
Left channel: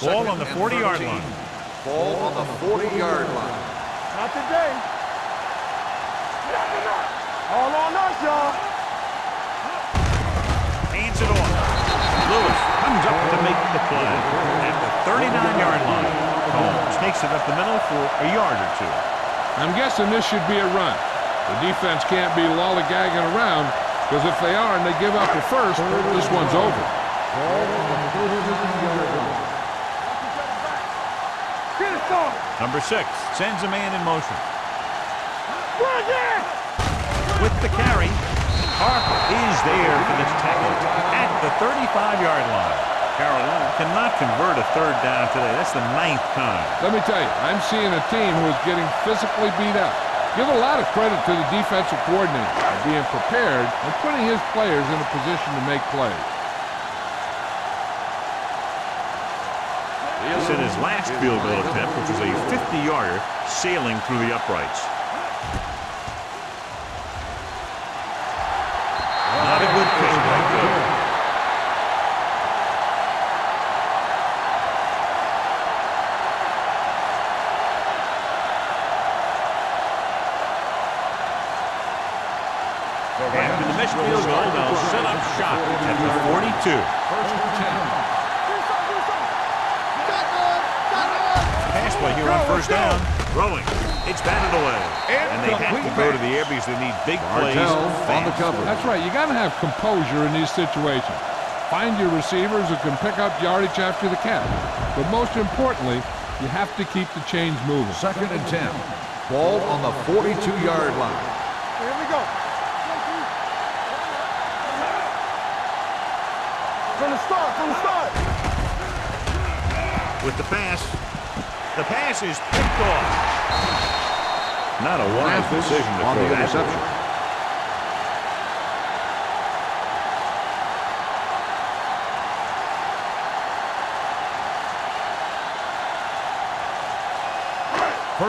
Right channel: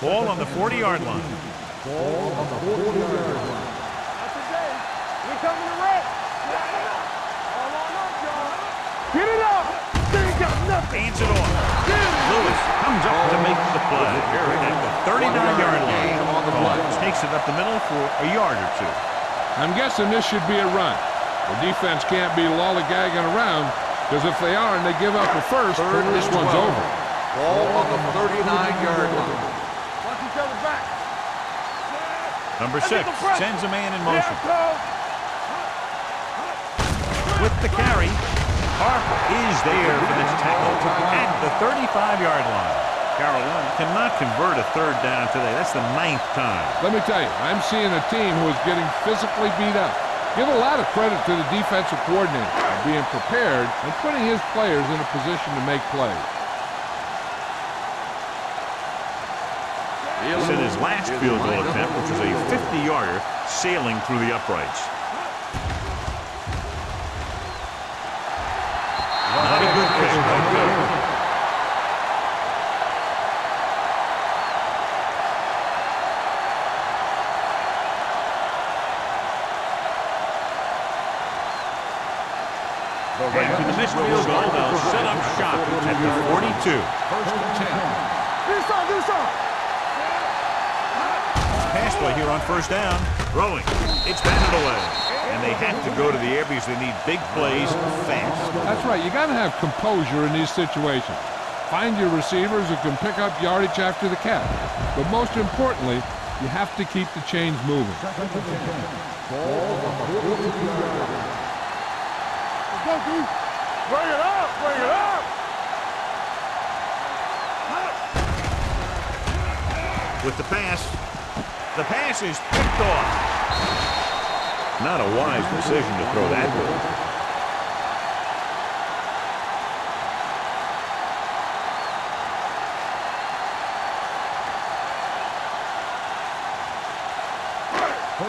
Ball on the 40-yard line. Ball on the 40-yard line. Not today. We coming to red. Knock him out. All on us, y'all. Get it up. Hands it off. Lewis comes up to make the play at the 39-yard line. Combs takes it up the middle for a yard or 2. I'm guessing this should be a run. The defense can't be lollygagging around, because if they are and they give up a first, this one's over. Ball on the 39-yard line. Watch each other back. Get it done. Number 6 sends a man in motion. With the carry, Harper is there for this tackle at the 35-yard line. Carolina cannot convert a 3rd down today. That's the 9th time. Let me tell you, I'm seeing a team who is getting physically beat up. Give a lot of credit to the defensive coordinator for being prepared and putting his players in a position to make plays. He set his last field goal attempt, which was a 50-yarder, sailing through the uprights. Not a good kick right there. After the missed field goal, they'll set up shop at the 42. First and 10. Do something. Pass play here on 1st down. Throwing. It's batted away. And they have to go to the air because they need big plays fast. That's right. You got to have composure in these situations. Find your receivers who can pick up yardage after the catch. But most importantly, you have to keep the chains moving. 2nd and 10. Ball on the 42-yard line. Here we go. Let's go, D. Bring it up. Bring it up. From the start. With the pass is picked off. Not a wise decision to throw that way.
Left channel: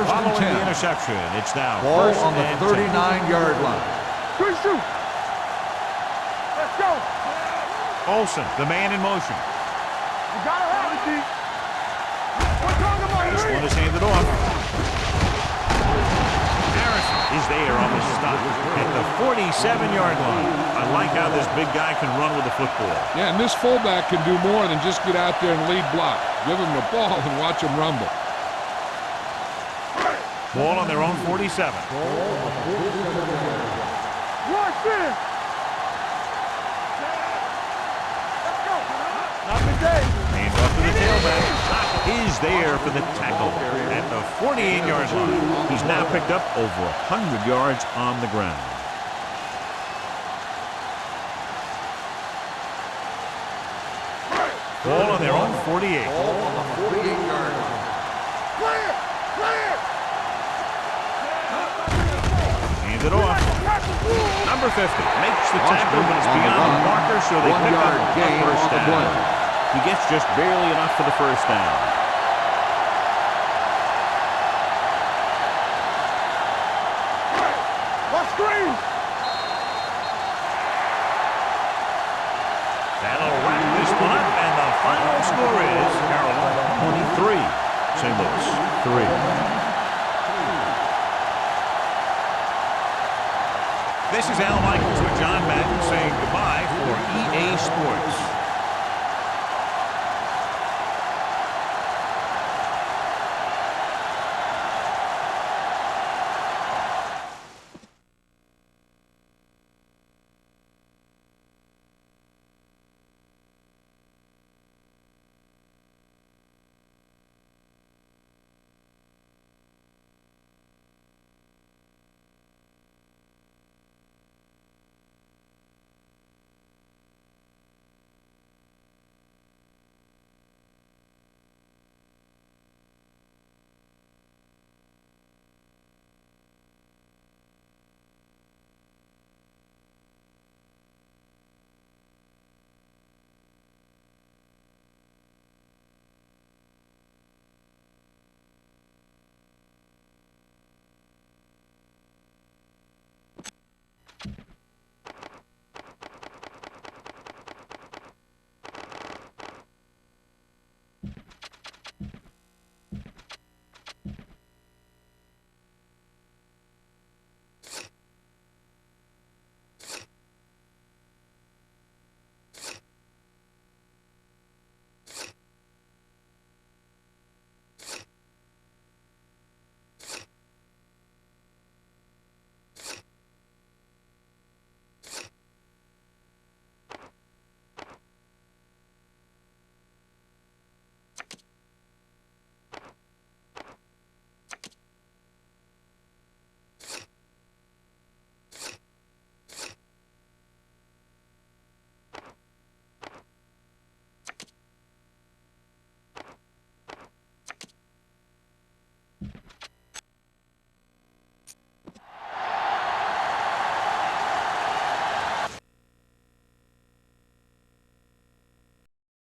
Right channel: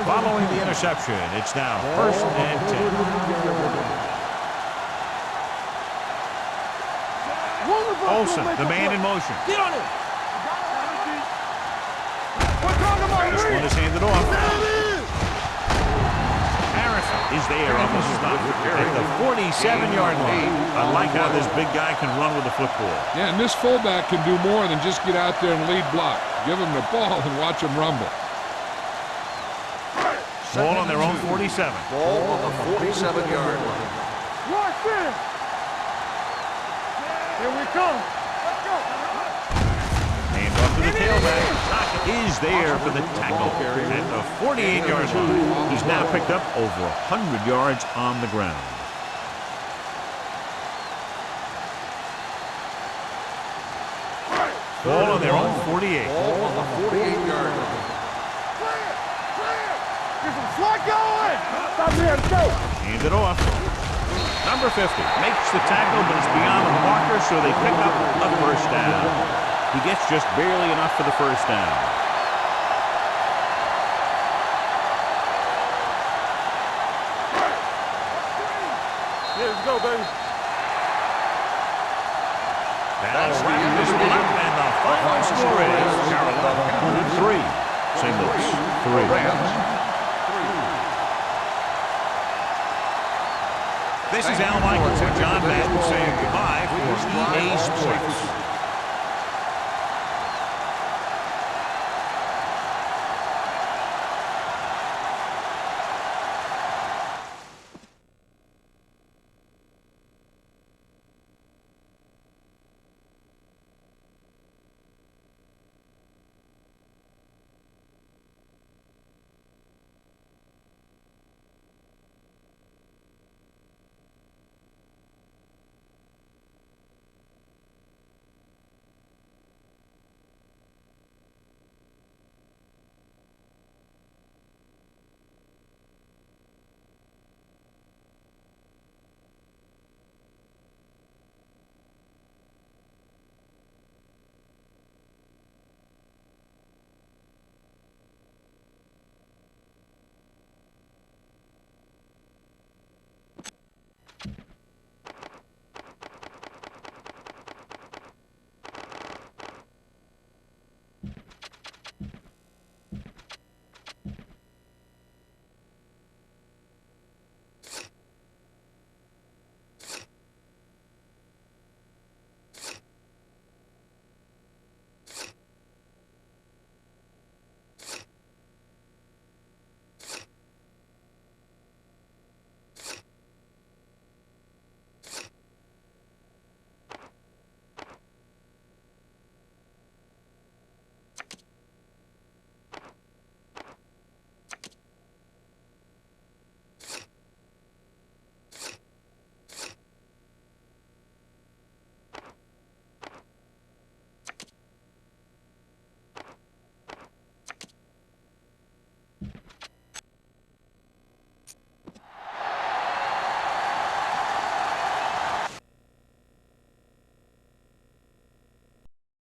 Following the interception, it's now Ball 1st on the and 10. 39-yard line. Good shoot. Let's go. Olsen, the man in motion. Get on it. You gotta have it, D. We're talking about This one is handed off. Harrison is there on the stop at the 47-yard line. I like how this big guy can run with the football. Yeah, and this fullback can do more than just get out there and lead block. Give him the ball and watch him rumble. Ball on their own 47. Ball on the 47-yard line. Rush in. Hands off to the tailback. Is there for the tackle at the 48-yard line. He's now picked up over 100 yards on the ground. Ball on their own 48. Ball on the 48-yard line. Clear! Clear! This is slot going! Stop here, let's go! Hand it off. Number 50 makes the tackle, but it's beyond the marker, so they pick up a first down. He gets just barely enough for the first down. Let's screen! Here we go, baby. That'll wrap this one up, and the final score is Carolina 23, St. Louis 3. This is Al Michaels with John Madden saying goodbye for EA Sports.